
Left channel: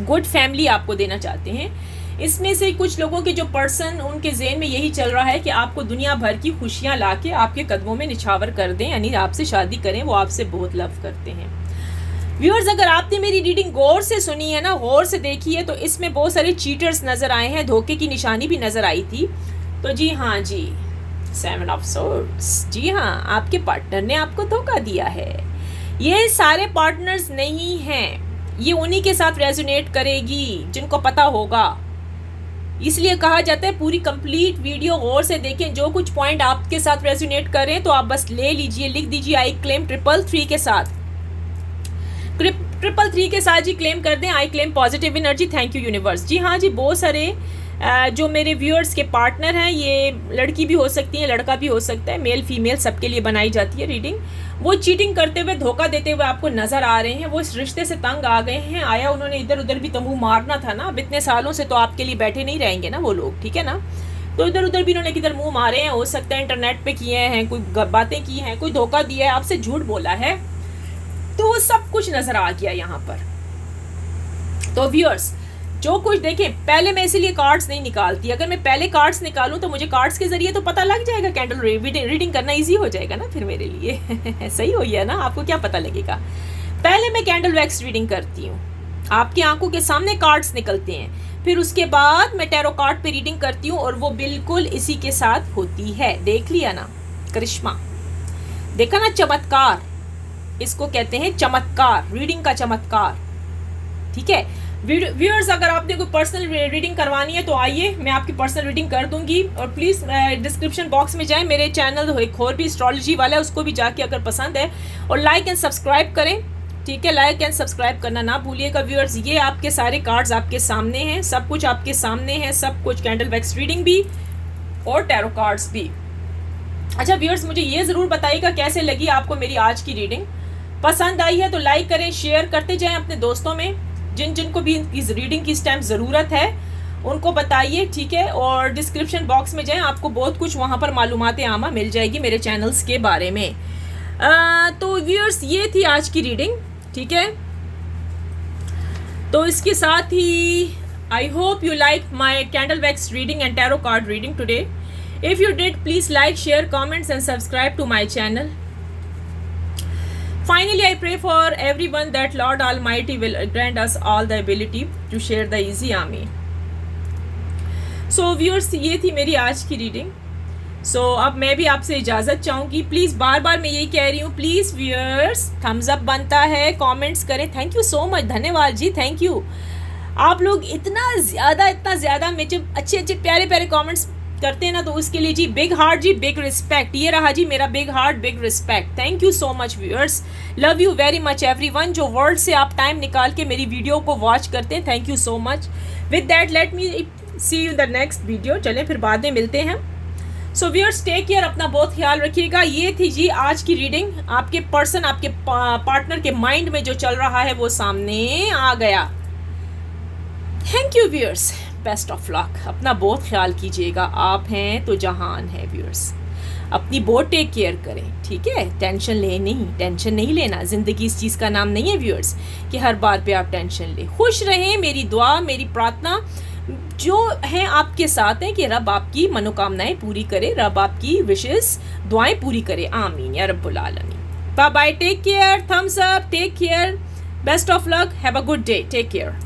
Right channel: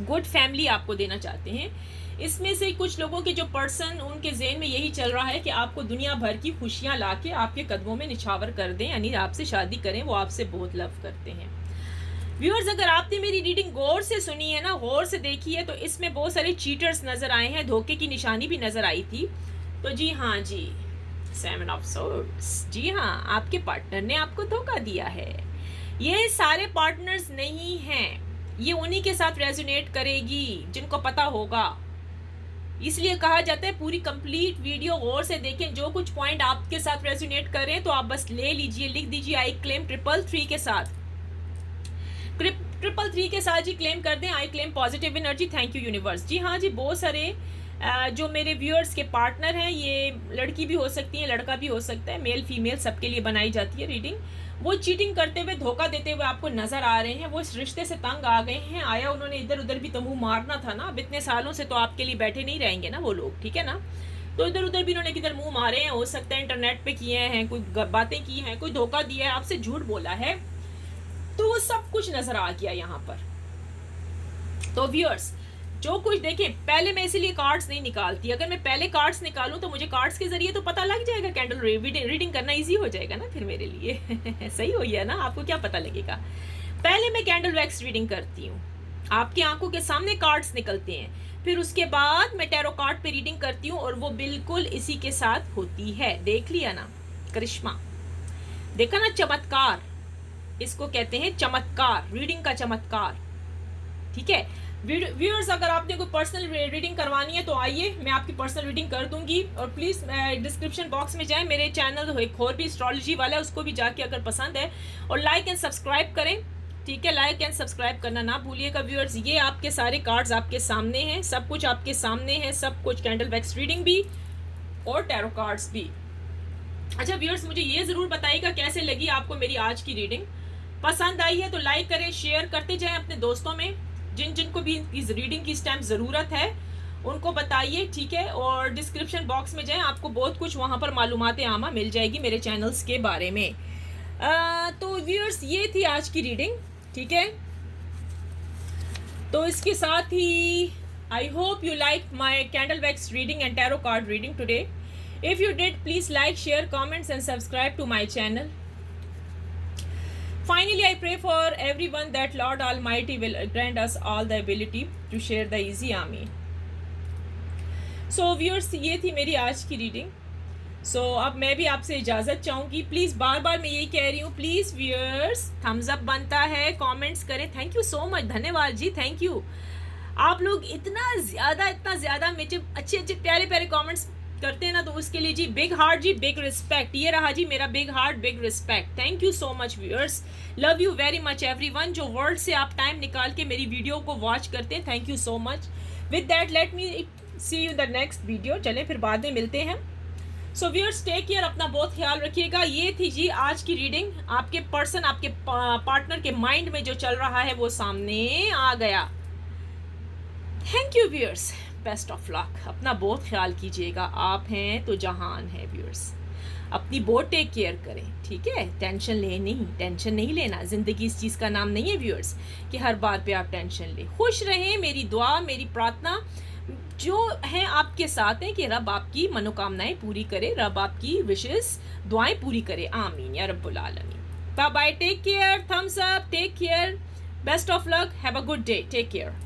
गुड फैमिली आपको देना चाहते हैं। इसमें से कुछ लोगों के जो पर्सन, उनके ज़हन में यही चल रहा है कि आपको दुनिया भर की खुशियां लाके आपके कदमों में निछावर कर दें, यानी आपसे शादी करें, वो आपसे बहुत लव करते हैं। व्यूअर्स, अगर आपने मेरी रीडिंग गौर से सुनी है ना, गौर से देखी है, तो इसमें बहुत सारे चीटर्स नज़र आए हैं, धोखे की निशानी भी नज़र आई थी। तो जी हाँ जी, 7 ऑफ सोर्ड्स, जी हाँ, आपके पार्टनर ने आपको धोखा दिया है। ये सारे पार्टनर्स नहीं हैं, ये उन्हीं के साथ रेजोनेट करेगी जिनको पता होगा। इसलिए कहा जाता है पूरी कंप्लीट वीडियो गौर से देखें, जो कुछ पॉइंट आपके साथ रेजोनेट करें तो आप बस ले लीजिए, लिख दीजिए आई क्लेम 333 के साथ, 333 के साथ जी क्लेम कर दें, I claim positive energy, thank you universe. जी हाँ जी, बहुत सारे जो मेरे व्यूअर्स के पार्टनर हैं, ये लड़की भी हो सकती है, लड़का भी हो सकता है, मेल फीमेल सबके लिए बनाई जाती है रीडिंग। वो चीटिंग करते हुए, धोखा देते हुए आपको नज़र आ रहे हैं, वो इस रिश्ते से तंग आ गए हैं। आया उन्होंने इधर उधर भी तो मुँह मारना था ना, अब इतने सालों से तो आपके लिए बैठे नहीं रहेंगे ना वो लोग, ठीक है ना। तो इधर उधर भी इन्होंने किधर मुँह मारे हैं, हो सकता है इंटरनेट पे किए हैं, कोई बातें की हैं, कोई धोखा दिया है, आपसे झूठ बोला है, तो वो सब कुछ नज़र आ गया यहाँ पर। तो व्यूअर्स, जो कुछ देखें, पहले मैं इसीलिए कार्ड्स नहीं निकालती, अगर मैं पहले कार्ड्स निकालूं तो मुझे कार्ड्स के जरिए तो पता लग जाएगा, कैंडल रीडिंग करना इजी हो जाएगा ना फिर मेरे लिए सही हो गया ना, आपको क्या पता लगेगा। पहले मैं कैंडल वैक्स रीडिंग करती हूँ, आपकी आंखों के सामने कार्ड्स निकलते हैं, फिर उसके बाद मैं टैरो कार्ड पे रीडिंग करती हूँ, और वो बिल्कुल इसी के साथ होती है। देख लिया ना करिश्मा, देखा ना, चमत्कार, इसको कहते हैं चमत्कार, रीडिंग का चमत्कार, ठीक है। व्यूअर्स, अगर आपने कोई पर्सनल रीडिंग करवानी है तो आइए, मैं आपकी पर्सनल रीडिंग कर दूंगी। और प्लीज़ डिस्क्रिप्शन बॉक्स में जाएं, मेरे चैनल एक और भी एस्ट्रोलॉजी वाला है, उसको भी जाके अगर पसंद है, और लाइक एंड सब्सक्राइब करें, ठीक है, लाइक एंड सब्सक्राइब करना ना भूलिएगा। व्यूअर्स, ये आपके सारे कार्ड्स आपके सामने हैं, सब कुछ आपके सामने है, सब कुछ, कैंडल वैक्स रीडिंग भी और टैरो कार्ड्स भी। अच्छा व्यूअर्स, मुझे ये ज़रूर बताइएगा कैसे लगी आपको मेरी आज की रीडिंग। पसंद आई है तो लाइक करें, शेयर करते जाएं अपने दोस्तों में, जिनको भी इस रीडिंग की इस टाइम ज़रूरत है उनको बताइए, ठीक है। और डिस्क्रिप्शन बॉक्स में जाएं, आपको बहुत कुछ वहाँ पर मालूमात आमा मिल जाएगी मेरे चैनल्स के बारे में। तो व्यूअर्स, ये थी आज की रीडिंग, ठीक है। तो इसके साथ ही I hope you like my candle wax reading and tarot card reading today. If you did, please like, share, comments and subscribe to my channel. Finally, I pray for everyone that Lord Almighty will grant us all the ability to share the easy. Amen. So viewers, ये थी मेरी आज की reading. सो अब मैं भी आपसे इजाज़त चाहूँगी। प्लीज़ बार बार मैं यही कह रही हूँ, प्लीज़ व्यूअर्स थम्स अप बनता है, कमेंट्स करें। थैंक यू सो मच, धन्यवाद जी, थैंक यू। आप लोग इतना ज़्यादा मैं जब अच्छे अच्छे प्यारे प्यारे कमेंट्स करते हैं ना, तो उसके लिए जी बिग हार्ट जी, बिग रिस्पेक्ट। ये रहा जी मेरा big heart, big respect. Thank you so much viewers, love you very much everyone. जो वर्ल्ड से आप टाइम निकाल के मेरी वीडियो को वॉच करते हैं, thank you so much. With that let me see you the next video. चलें फिर बाद में मिलते हैं। सो व्यूअर्स टेक केयर, अपना बहुत ख्याल रखिएगा। ये थी जी आज की रीडिंग। आपके पर्सन, आपके पार्टनर के माइंड में जो चल रहा है वो सामने आ गया। Thank you viewers, best of luck. अपना बहुत ख्याल कीजिएगा, आप हैं तो जहान है व्यूअर्स। अपनी बहुत टेक केयर करें, ठीक है। टेंशन नहीं लेना। ज़िंदगी इस चीज़ का नाम नहीं है व्यूअर्स कि हर बार पे आप टेंशन लें। खुश रहें, मेरी दुआ, मेरी प्रार्थना जो है आपके साथ है कि रब आपकी मनोकामनाएं पूरी करे, रब आपकी विशेस दुआएं पूरी करे। आमीन या रब्बुल आलमीन। Bye bye, take care, thumbs up, take care, best of luck, have a good day, take care.